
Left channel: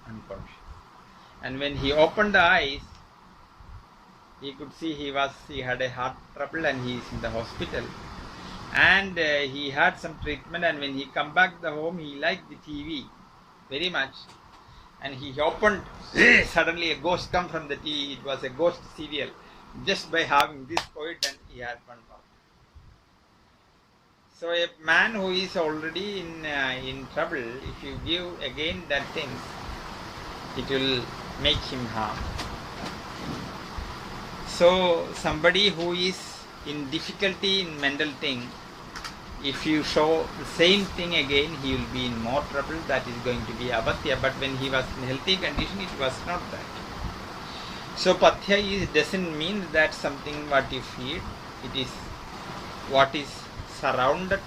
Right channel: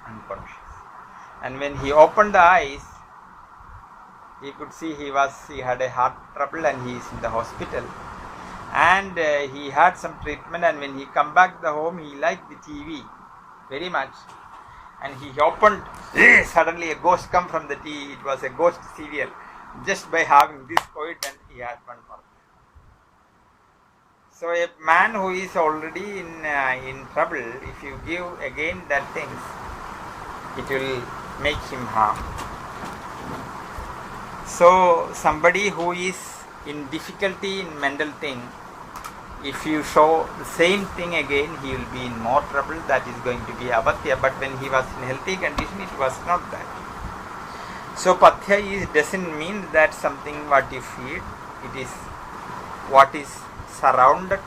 unconscious. And when he opened the eyes, he could see he had a heart trouble, and he is in the hospital. And he had some treatment, and when he come back to the home, he liked the TV very much. And he opened, suddenly a ghost come from the TV. It was a ghost serial. Just by having this poet, and he had one more. So a man who is already in trouble, if you give again that things, it will make him harm. So somebody who is in difficulty in mental thing, if you show the same thing again, he will be in more trouble. That is going to be apathya. But when he was in healthy condition, it was not that. So pathya doesn't mean that something what you feed. It is what is surrounded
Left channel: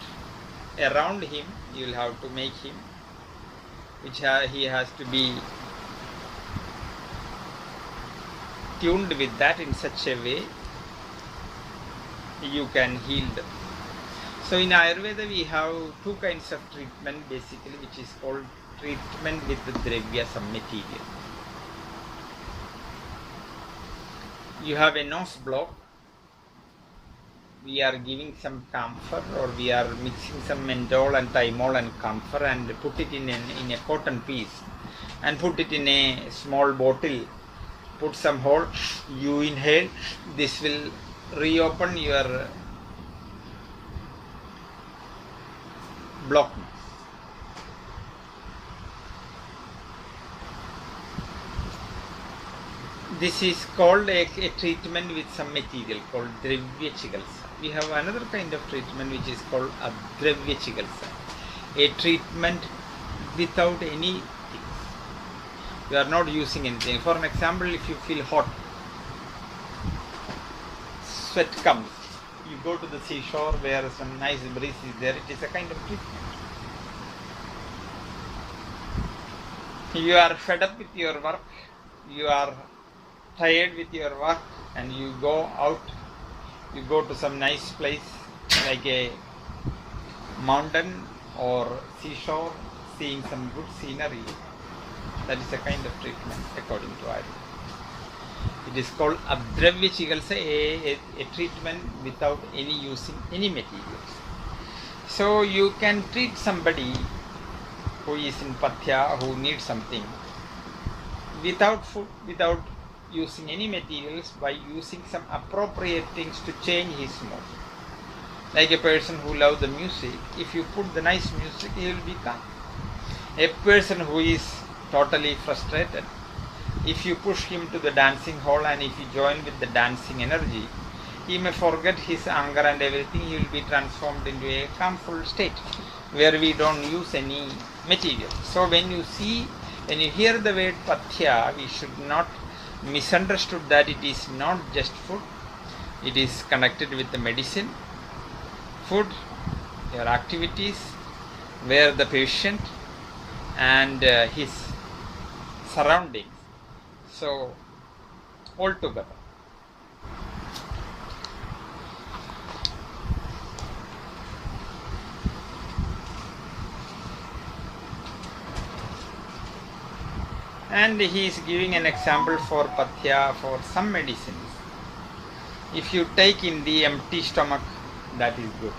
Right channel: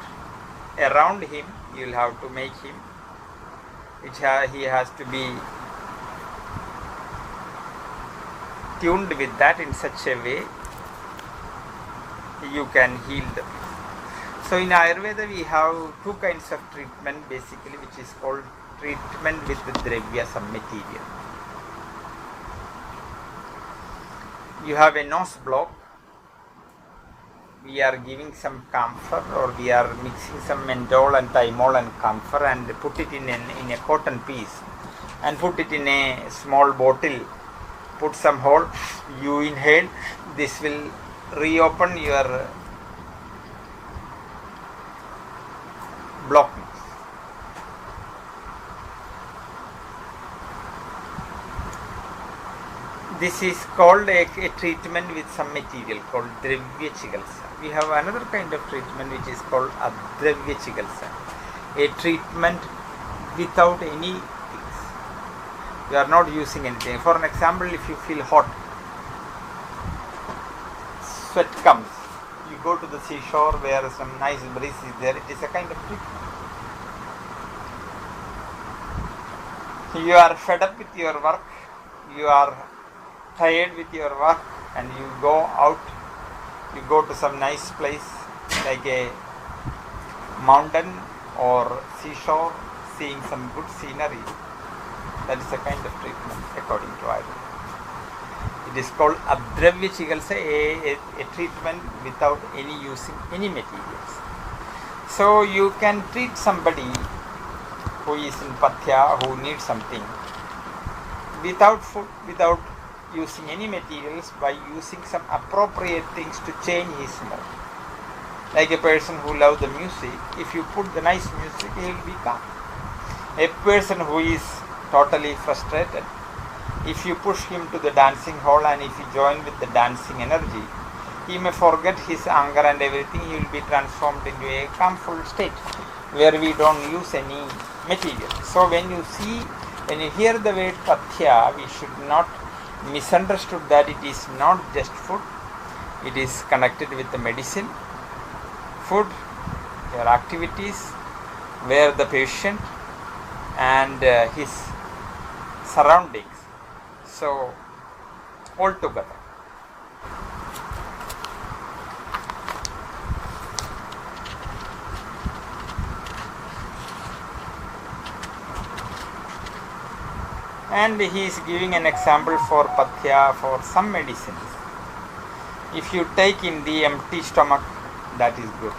around him. You will have to make him, which he has to be tuned with that in such a way you can heal them. So in Ayurveda we have two kinds of treatment basically, which is called treatment with the dravya, some material. You have a nose block, we are giving some camphor, or we are mixing some menthol and thymol and camphor and put it in a cotton piece and put it in a small bottle, put some hole, you inhale, this will reopen your block. This is called a treatment with some material called dravya chikitsa. We have another kind of treatment which is called adravya chikitsa, a treatment without any things. You are not using anything. For an example, if you feel hot, sweat comes, you go to the seashore where some nice breeze is there, it is a kind of treatment. You are fed up with your work, you are tired with your work, and you go out, you go to some nice place like a mountain or seashore, seeing some good scenery. That is a kind of treatment according to Ayurveda. It is called adravya chikitsa, a treatment without any using any materials. So you can treat somebody who is in pathya, who needs something, without food, without using any materials, by using some appropriate things to change his mood. Like a person who loves the music, if you put the nice music, he will be calm. A person who is totally frustrated, if you push him to the dancing hall and if you join with the dancing energy, he may forget his anger and everything. He will be transformed into a calmful state where we don't use any material. So when you hear the word pathya, we should not misunderstood that it is not just food. It is connected with the medicine, food, your activities, where the patient and his surroundings. So all together. And he is giving an example for pathya for some medicines. If you take in the empty stomach, that is good.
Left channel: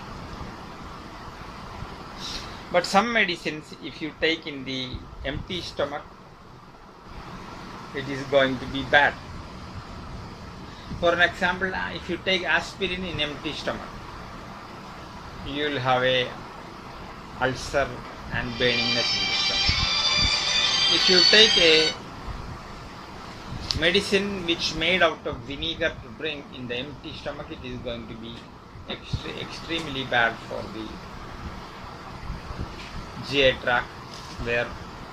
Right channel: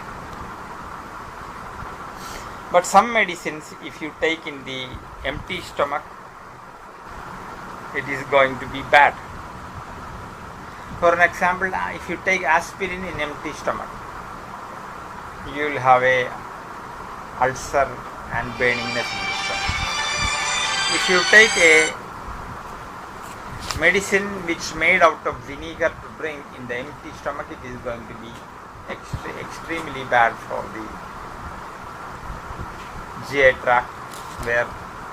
But some medicines, if you take in the empty stomach, it is going to be bad. For an example, if you take aspirin in empty stomach, you will have a ulcer and burningness in the stomach. If you take a medicine which made out of vinegar to drink in the empty stomach, it is going to be extremely bad for the GI tract, where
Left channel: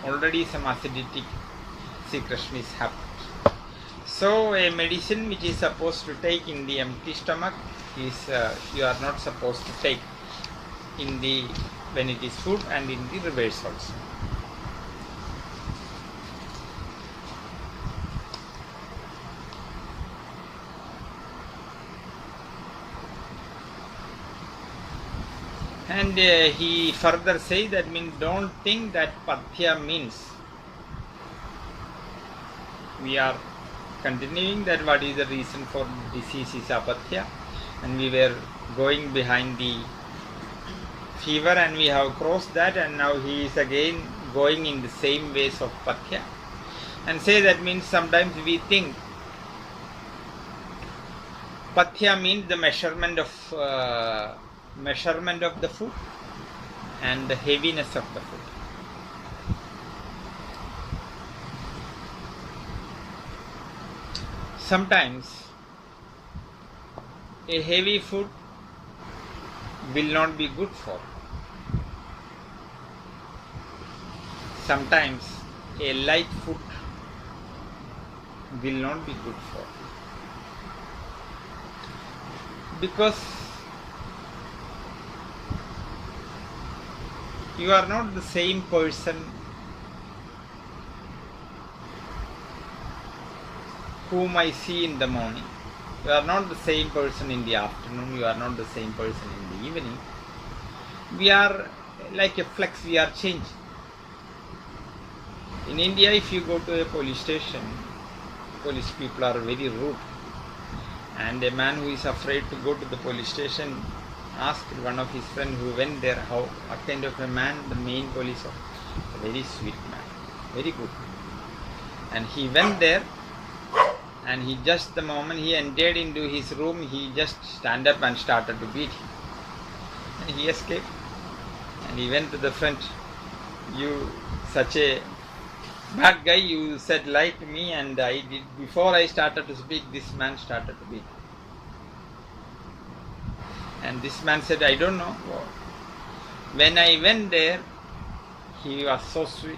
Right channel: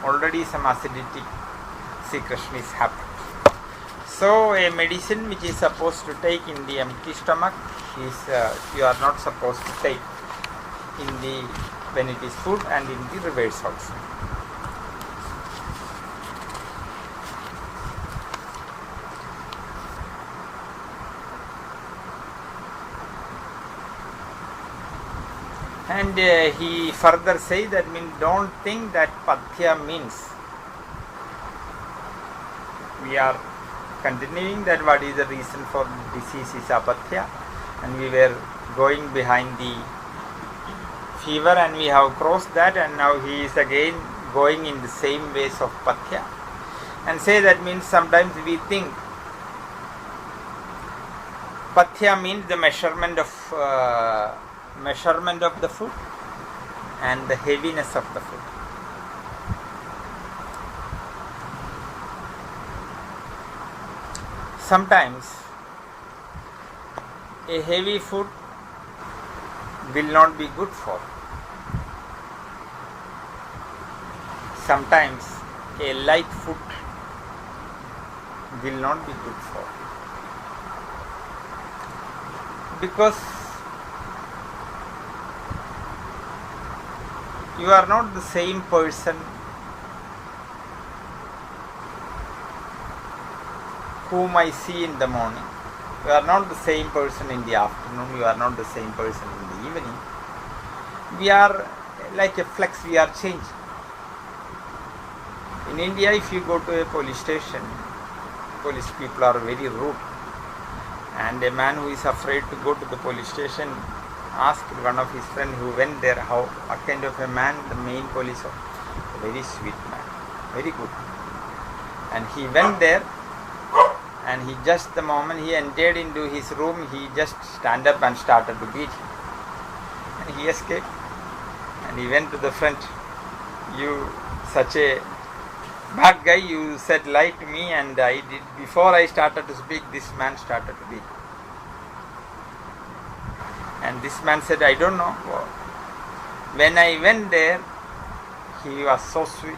already some acidic secretion is happening. So a medicine which is supposed to take in the empty stomach is you are not supposed to take in the when it is food, and in the reverse also. And he further says that don't think that pathya means we are continuing that what is the reason for disease is apathya, and we were going behind the fever and we have crossed that, and now he is again going in the same ways of pathya, and say that means sometimes we think pathya means the measurement of the food and the heaviness of the food. Sometimes a heavy food will not be good for. Sometimes a light food will not be good for. Because you are not the same person whom I see in the morning. You are not the same person in the afternoon. You are not the same person in the evening. We are like a flex, we are changing. In India, if you go to a police station, police people are very rude. And a man who is afraid to go to the police station asked one of his friends who went there, what kind of a man the main police officer? Very sweet man, very good. And he went there, and he just the moment he entered into his room, he just stand up and started to beat him. And he escaped. And he went to the front. You such a bad guy, you said lie to me, and I did. Before I started to speak, this man started to beat. And this man said, I don't know. When I went there, he was so sweet,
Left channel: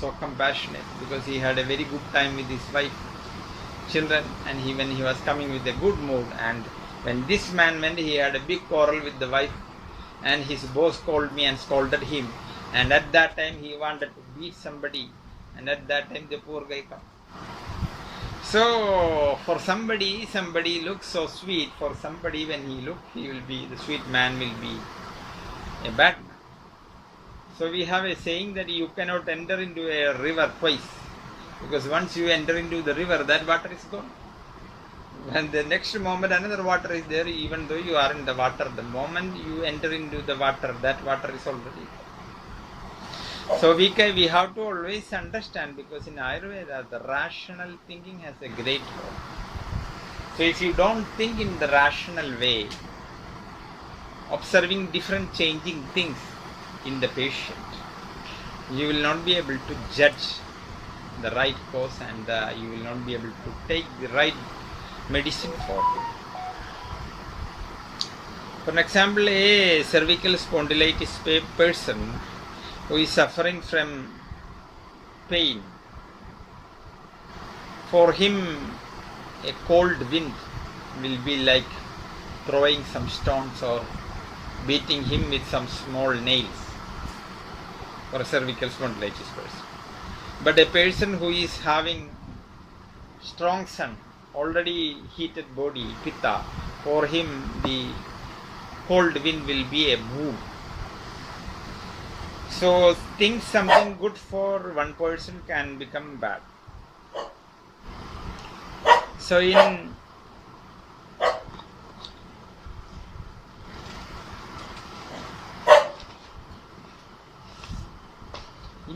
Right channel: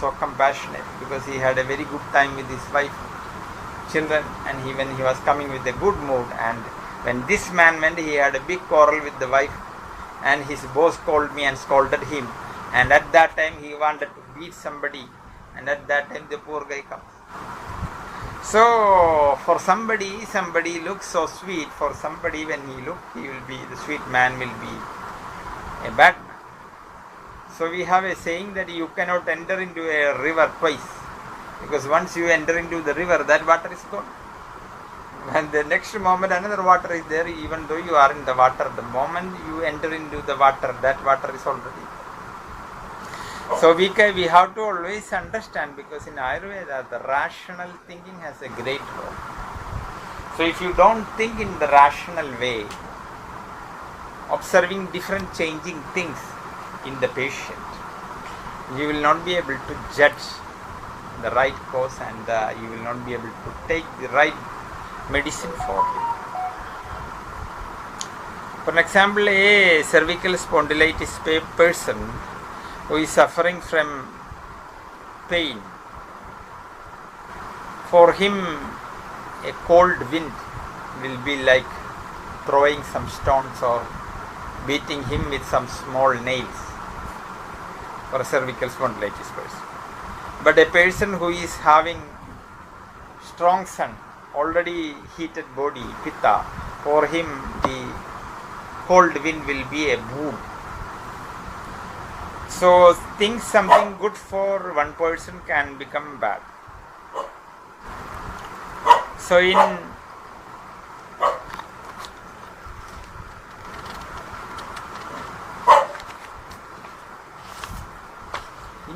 so compassionate, because he had a very good time with his wife, children, and when he was coming with a good mood. And when this man went, he had a big quarrel with the wife, and his boss called me and scolded him. And at that time, he wanted to beat somebody, and at that time, the poor guy comes. So, for somebody looks so sweet. For somebody, when he looks, the sweet man will be a bad man. So, we have a saying that you cannot enter into a river twice. Because once you enter into the river, that water is gone. And the next moment, another water is there, even though you are in the water. The moment you enter into the water, that water is already. So we have to always understand, because in Ayurveda, the rational thinking has a great role. So if you don't think in the rational way, observing different changing things in the patient, you will not be able to judge the right cause, and you will not be able to take the right medicine for it. For example, a cervical spondylitis person who is suffering from pain, for him a cold wind will be like throwing some stones or beating him with some small nails, for a cervical spondylitis person. But a person who is having strong sun, already heated body, pitta, for him the cold wind will be a boon. So think something good for one person can become bad. So in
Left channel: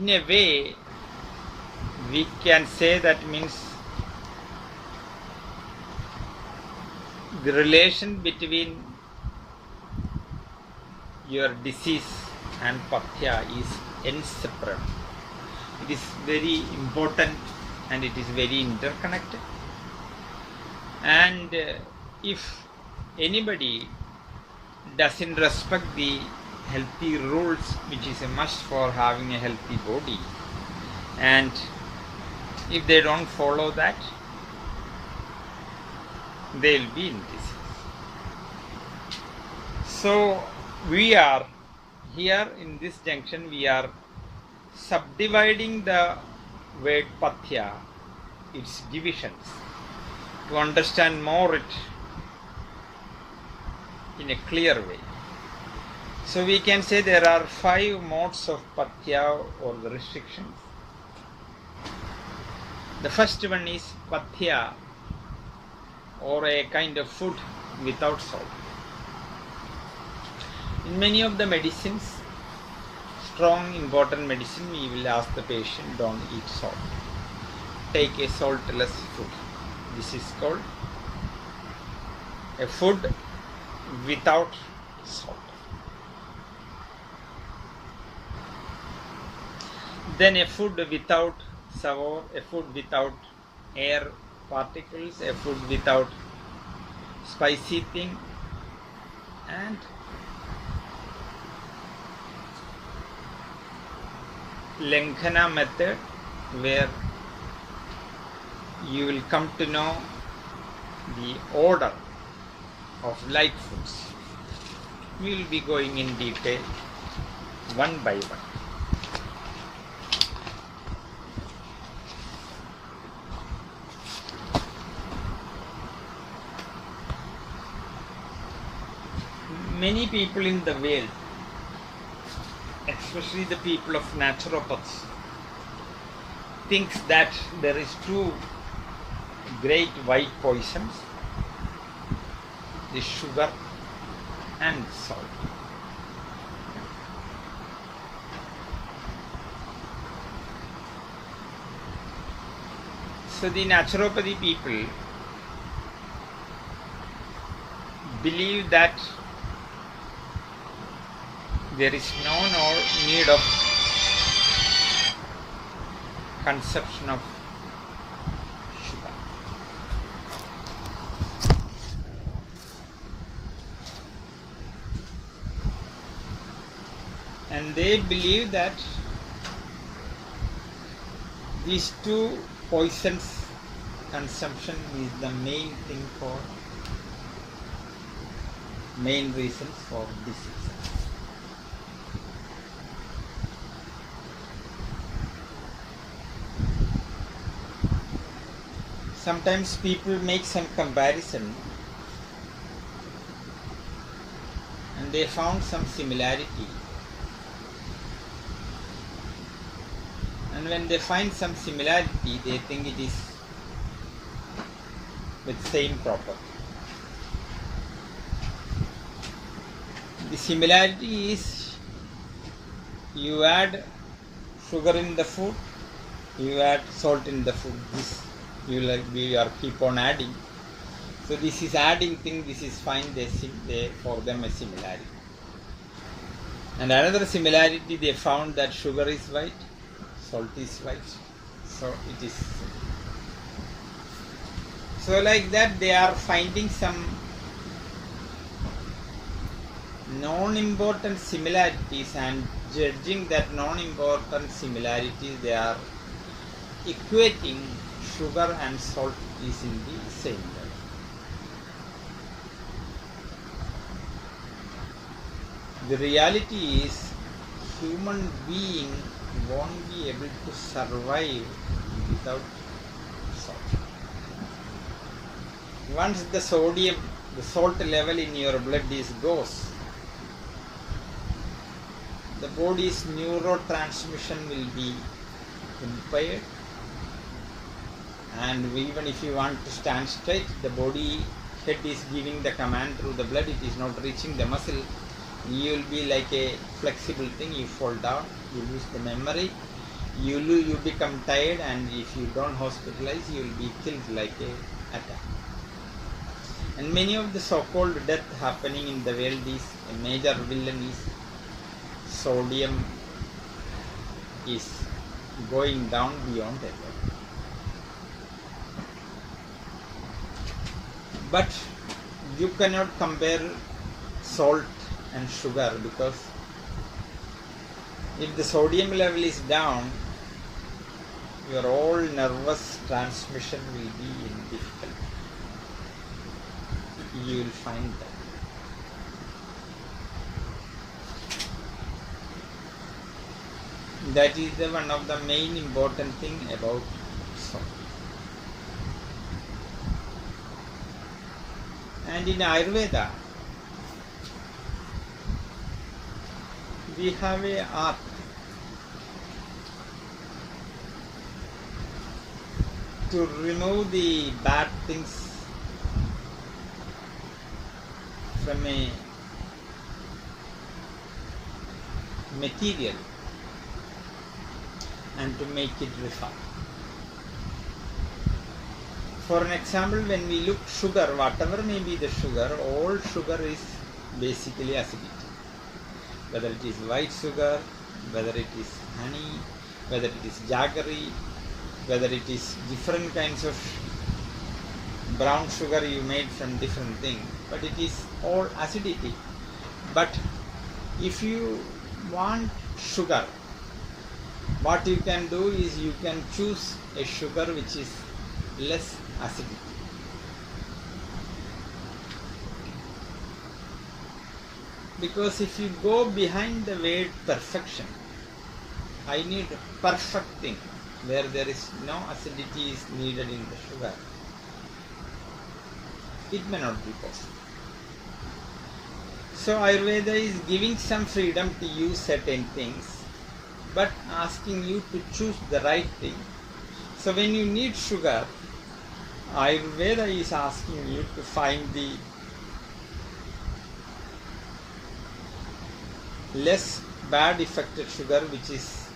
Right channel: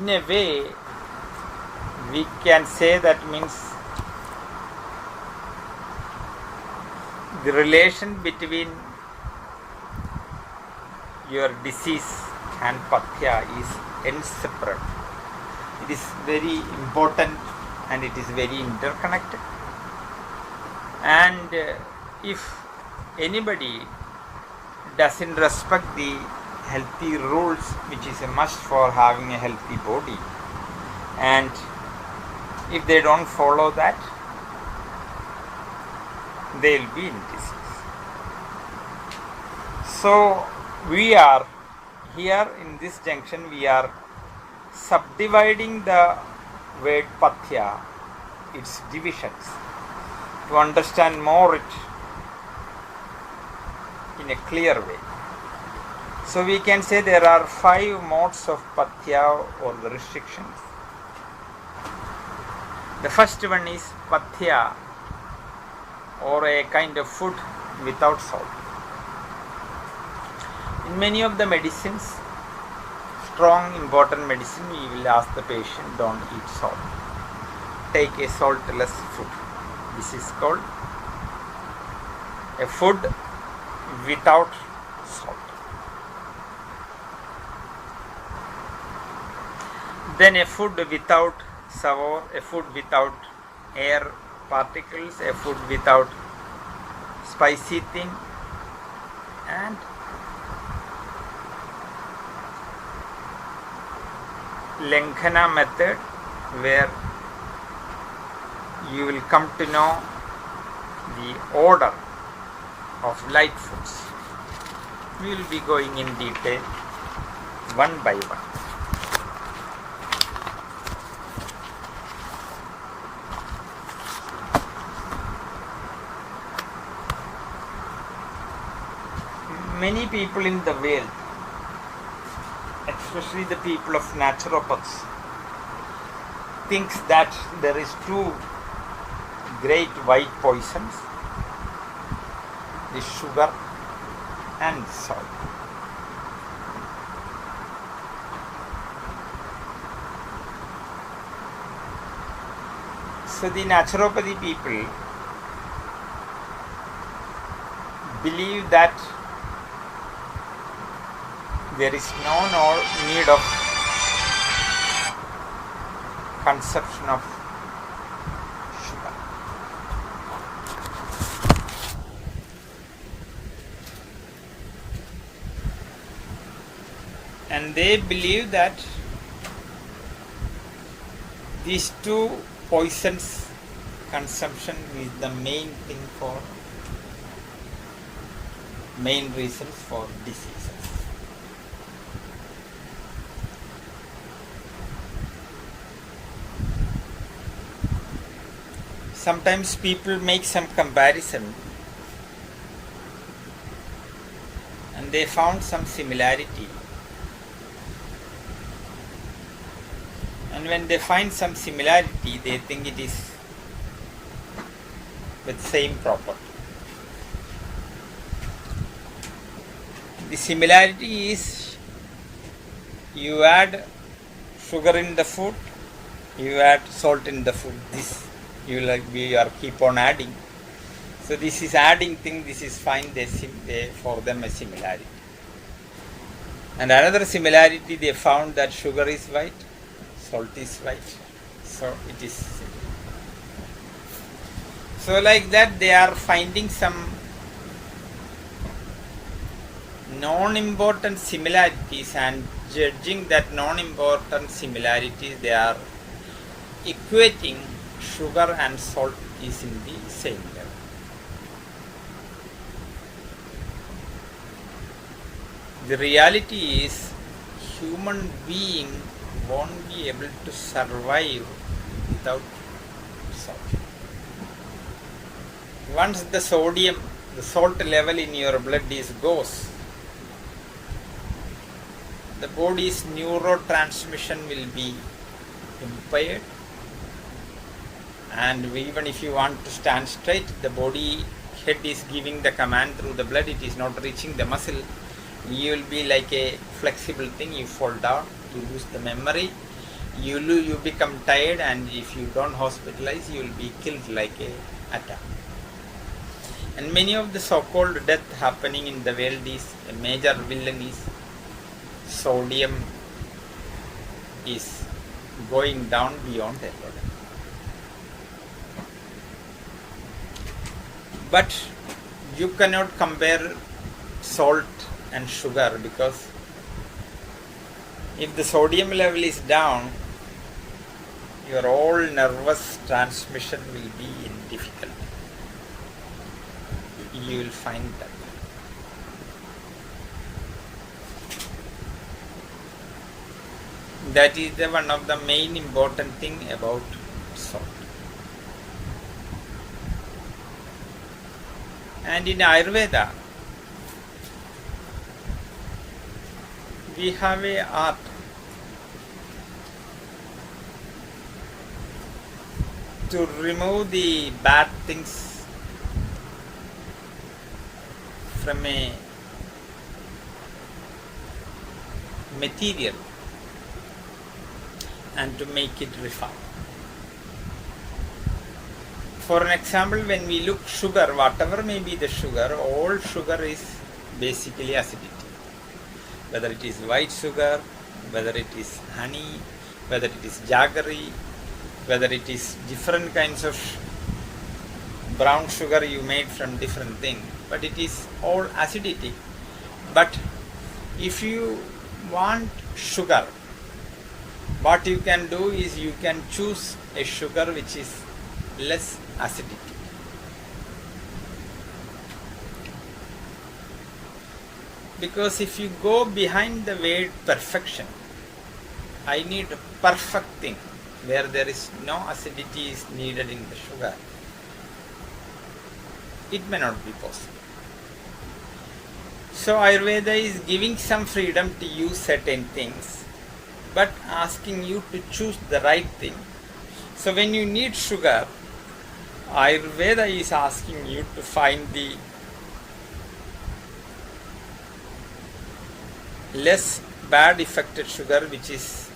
a way we can say that means the relation between your disease and pathya is inseparable. It is very important and it is very interconnected. And if anybody doesn't respect the healthy rules, which is a must for having a healthy body, and if they don't follow that, they will be in disease. So we are here in this junction, we are subdividing the word pathya, its divisions, to understand more it in a clear way. So we can say there are 5 modes of pathya or the restrictions. The first one is pathya, or a kind of food without salt. In many of the medicines, strong important medicine, we will ask the patient, don't eat salt. Take a saltless food. This is called a food without salt. Then a food without sour, a food without air particles, a food without spicy thing, and Lankhana method, where you will come to know the order of light foods. We will be going in detail one by one. Many people in the world, especially the people of naturopaths, thinks that there is 2 great white poisons, the sugar and salt. So the naturopathy people believe that there is no need of consumption of sugar. And they believe that these 2 poisons consumption is the main thing for main reasons for diseases. Sometimes people make some comparison and they found some similarity. And when they find some similarity, they think it is with same property. The similarity is you add sugar in the food, you add salt in the food. This we are keep on adding. So this is adding thing, this is fine, they for them a similarity. And another similarity, they found that sugar is white, salt is white. So it is. So like that they are finding some non-important similarities and judging that non-important similarities, they are equating sugar and salt is in the same level. The reality is human being won't be able to survive without salt. Once the salt level in your blood goes, the body's neurotransmission will be impaired, and even if you want to stand straight, the body head is giving the command through the blood, it is not reaching the muscle. You will be like a flexible thing, you fall down, you lose the memory, you become tired, and if you don't hospitalize, you will be killed like a attack. And many of the so-called death happening in the world is, a major villain is sodium is going down beyond the level. But you cannot compare salt and sugar, because if the sodium level is down, your whole nervous transmission will be in difficulty. You will find that. That is one of the main important thing about salt. And in Ayurveda, we have a art to remove the bad things from a material and to make it refined. For an example, when we look sugar, whatever may be the sugar, all sugar is basically acidity. Whether it is white sugar, whether it is honey, whether it is jaggery, whether it is different kinds of brown sugar you made from different things, but it is all acidity. But if you want sugar, what you can do is you can choose a sugar which is less acidity. Because if you go behind the word perfection, I need a perfect thing where there is no acidity is needed in the sugar, it may not be possible. So Ayurveda is giving some freedom to use certain things, but asking you to choose the right thing. So when you need sugar, Ayurveda is asking you to find the less bad affected sugar, which is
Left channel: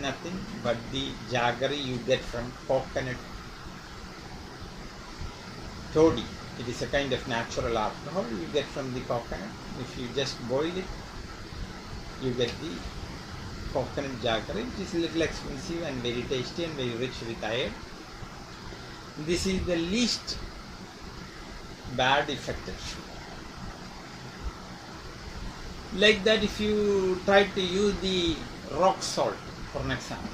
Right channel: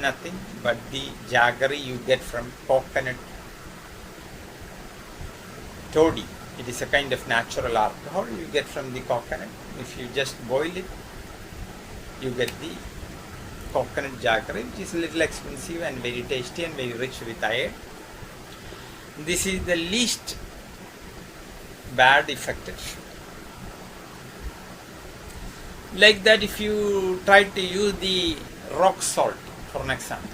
nothing but the jaggery you get from coconut toddy. It is a kind of natural alcohol you get from the coconut. If you just boil it, you get the coconut jaggery, which is a little expensive and very tasty and very rich with iron. This is the least bad affected sugar. Like that, if you try to use the rock salt, for an example,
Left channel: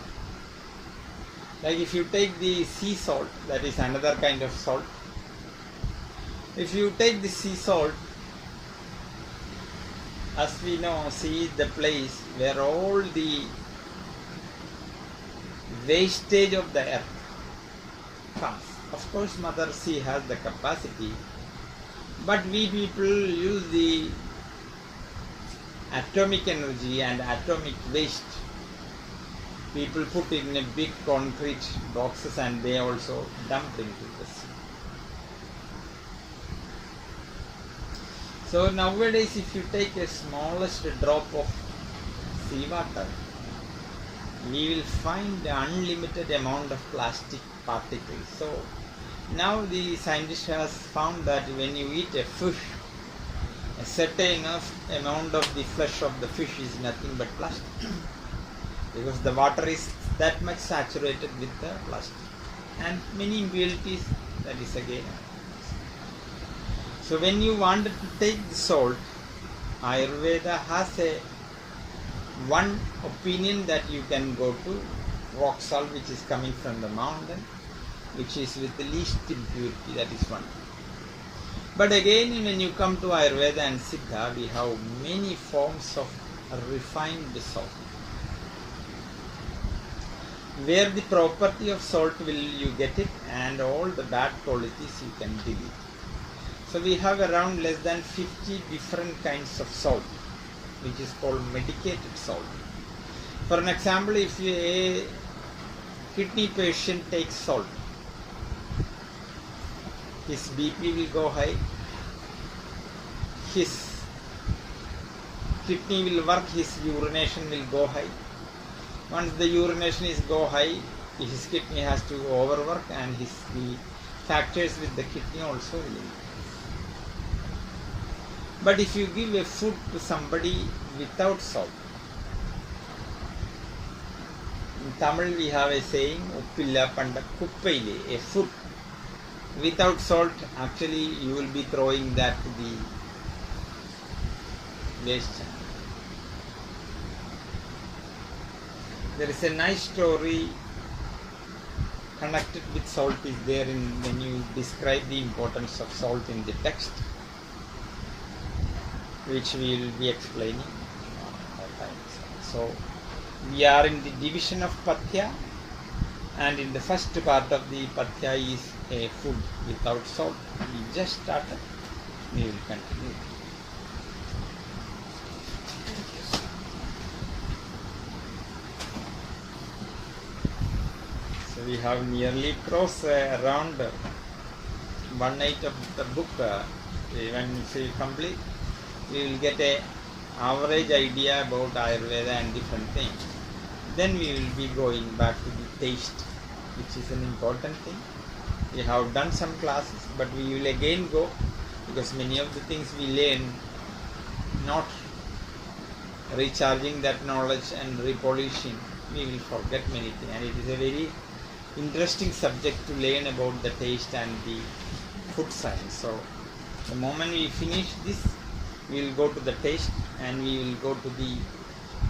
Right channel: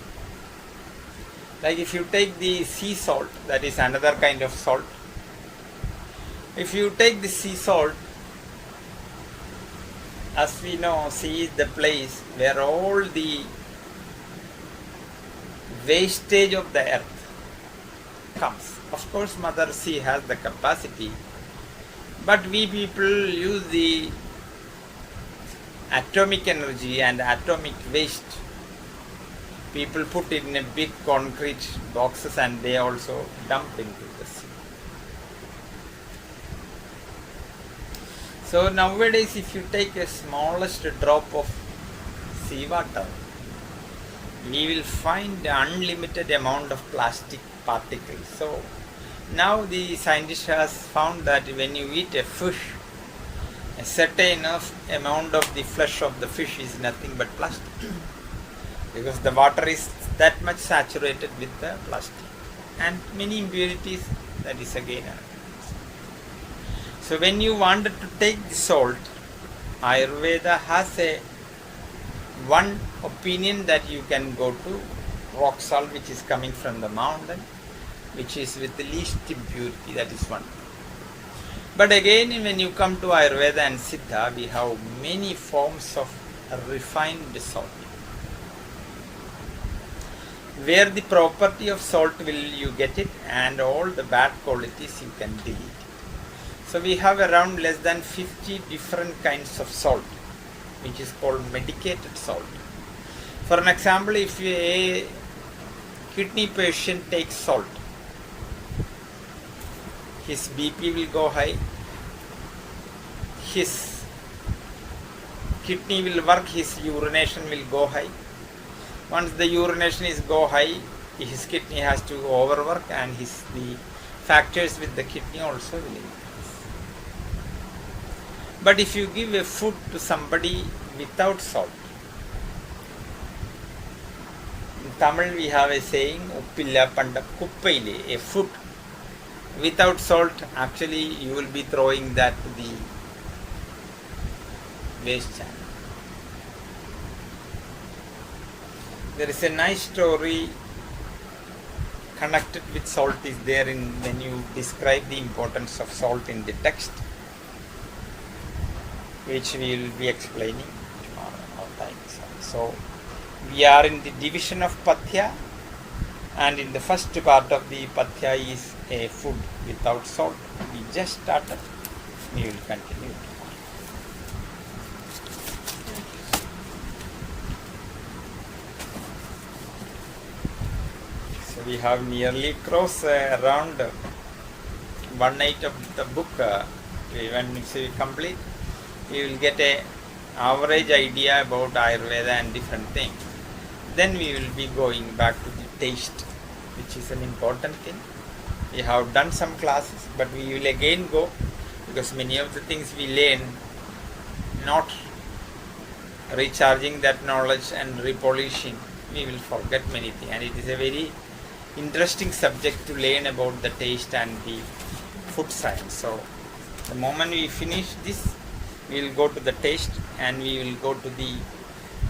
like if you take the sea salt, that is another kind of salt. If you take the sea salt, as we know, sea is the place where all the wastage of the earth comes. Of course, Mother Sea has the capacity, but we people use the atomic energy and atomic waste. People put it in a big concrete boxes and they also dump into the sea. So nowadays, if you take a smallest drop of seawater, we will find unlimited amount of plastic particles. So now the scientist has found that when you eat a fish, a certain enough amount of the flesh of the fish is nothing but plastic. Because the water is that much saturated with the plastic. And many impurities, that is again. So when you wanted to take the salt, Ayurveda has a one opinion that you can go to rock salt which is coming from the mountain, which is with the least impurity, that is one. But again, when you come to Ayurveda and Siddha, we have many forms of refined salt, where the property of salt will you get it, and all the bad qualities you can delete. So we have around less than 50 different kinds of salt, which is called medicated salt. For an example, if a kidney patient takes salt, his BP will go high, his kidney will work, his urination will go high. Once the urination is go high, his kidney has to overwork, and the factors with the kidney also will increase. But if you give a food to somebody without salt, in Tamil we have a saying, Uppilla Panda Kuppaile, a food without salt, actually you will be throwing that to the waste channel. There is a nice story connected with salt is there when you describe the importance of salt in the text, which we will be explaining tomorrow. So we are in the division of Pathya, and in the first part of the Pathya is a food without salt. We just started. We will continue. So we have nearly crossed around 1/8 of the book. When we say complete, we will get a average idea about Ayurveda and different things. Then we will be going back to the taste, which is an important thing. We have done some classes, but we will again go, because many of the things we learn, not recharging that knowledge and repolishing, we will forget many things. And it is a very interesting subject to learn about the taste and the food science. So the moment we finish this, we will go to the taste, and we will go to the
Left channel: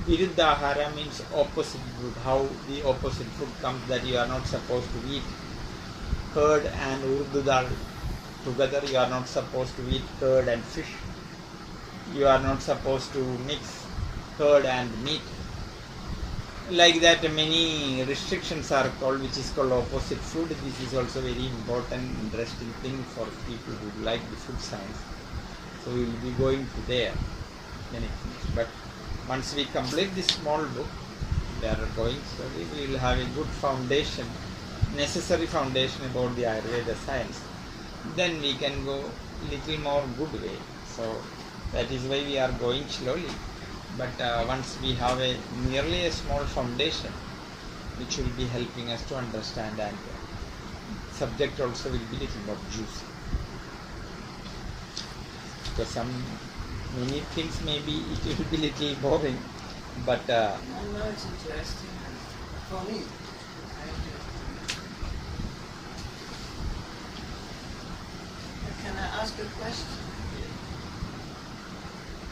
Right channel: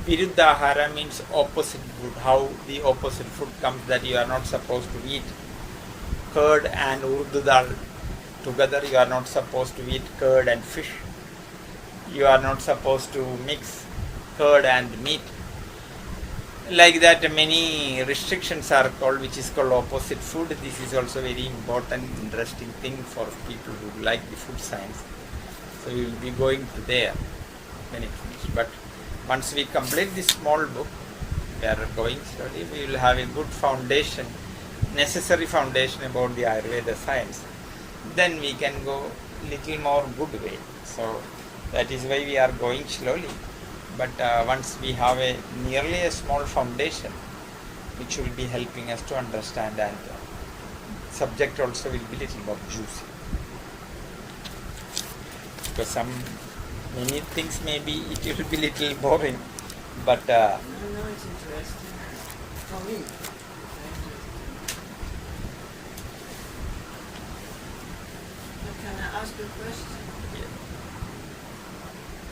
Viruddhahara, means opposite food, how the opposite food comes, that you are not supposed to eat curd and urdu dal together, you are not supposed to eat curd and fish, you are not supposed to mix curd and meat. Like that, many restrictions are called, which is called opposite food. This is also very important, interesting thing for people who like the food science. So we will be going to there when it finishes. But once we complete this small book, we are going slowly, we will have a good foundation, necessary foundation about the Ayurveda science. Then we can go little more good way. So that is why we are going slowly. But once we have nearly a small foundation, which will be helping us to understand, and subject also will be little more juicy. Because many things maybe it will be little boring, but I know it's interesting for me. But can I ask a question?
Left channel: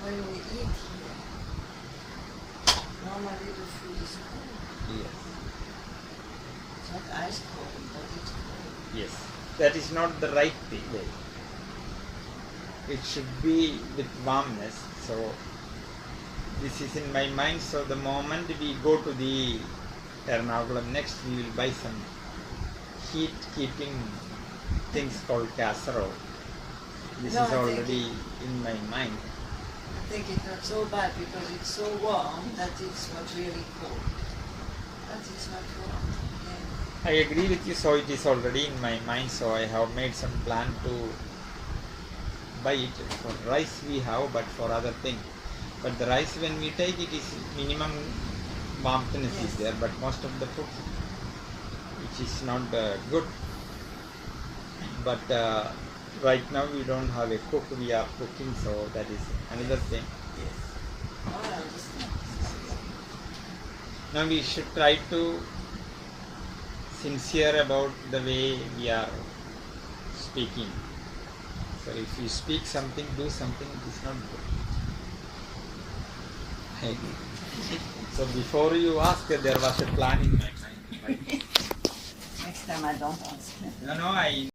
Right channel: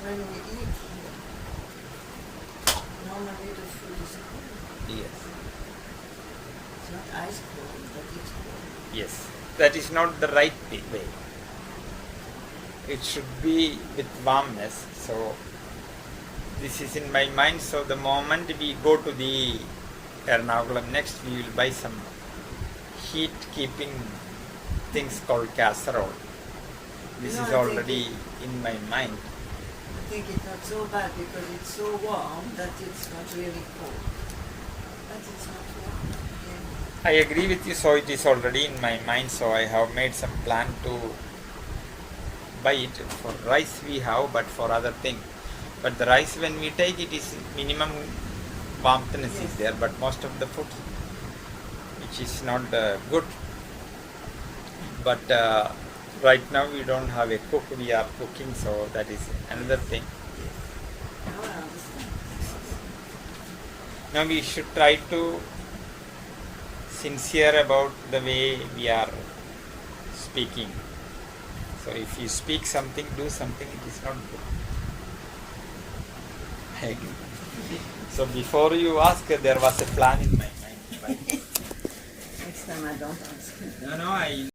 When we eat, normally the food is cold. yes, It's not ice cold, but it's cold. yes, that is not the right way. It should be with warmness. So this is in my mind. So the moment we go to the Ernakulam next, we will buy some heat keeping things called casserole. This No, is I think already in my mind. I think it's not so bad because it's so warm that it's not really cold. But it's not warm. Yeah. I agree with you. So it is already in my mind. So I have made some plan to buy it. For rice we have, but for other things. But the rice, when we take it, is minimum warmthness is there, but most of the food, which is not good. But Right now we don't have a cook, we are cooking, so that is another thing. Yes. Oh, I understand. Now we should try to sincere about the way we are speaking. So if you speak something, do something, it is not good. I agree. So before you ask, there was a plan in my mind. Right? Next time I don't ask. No, I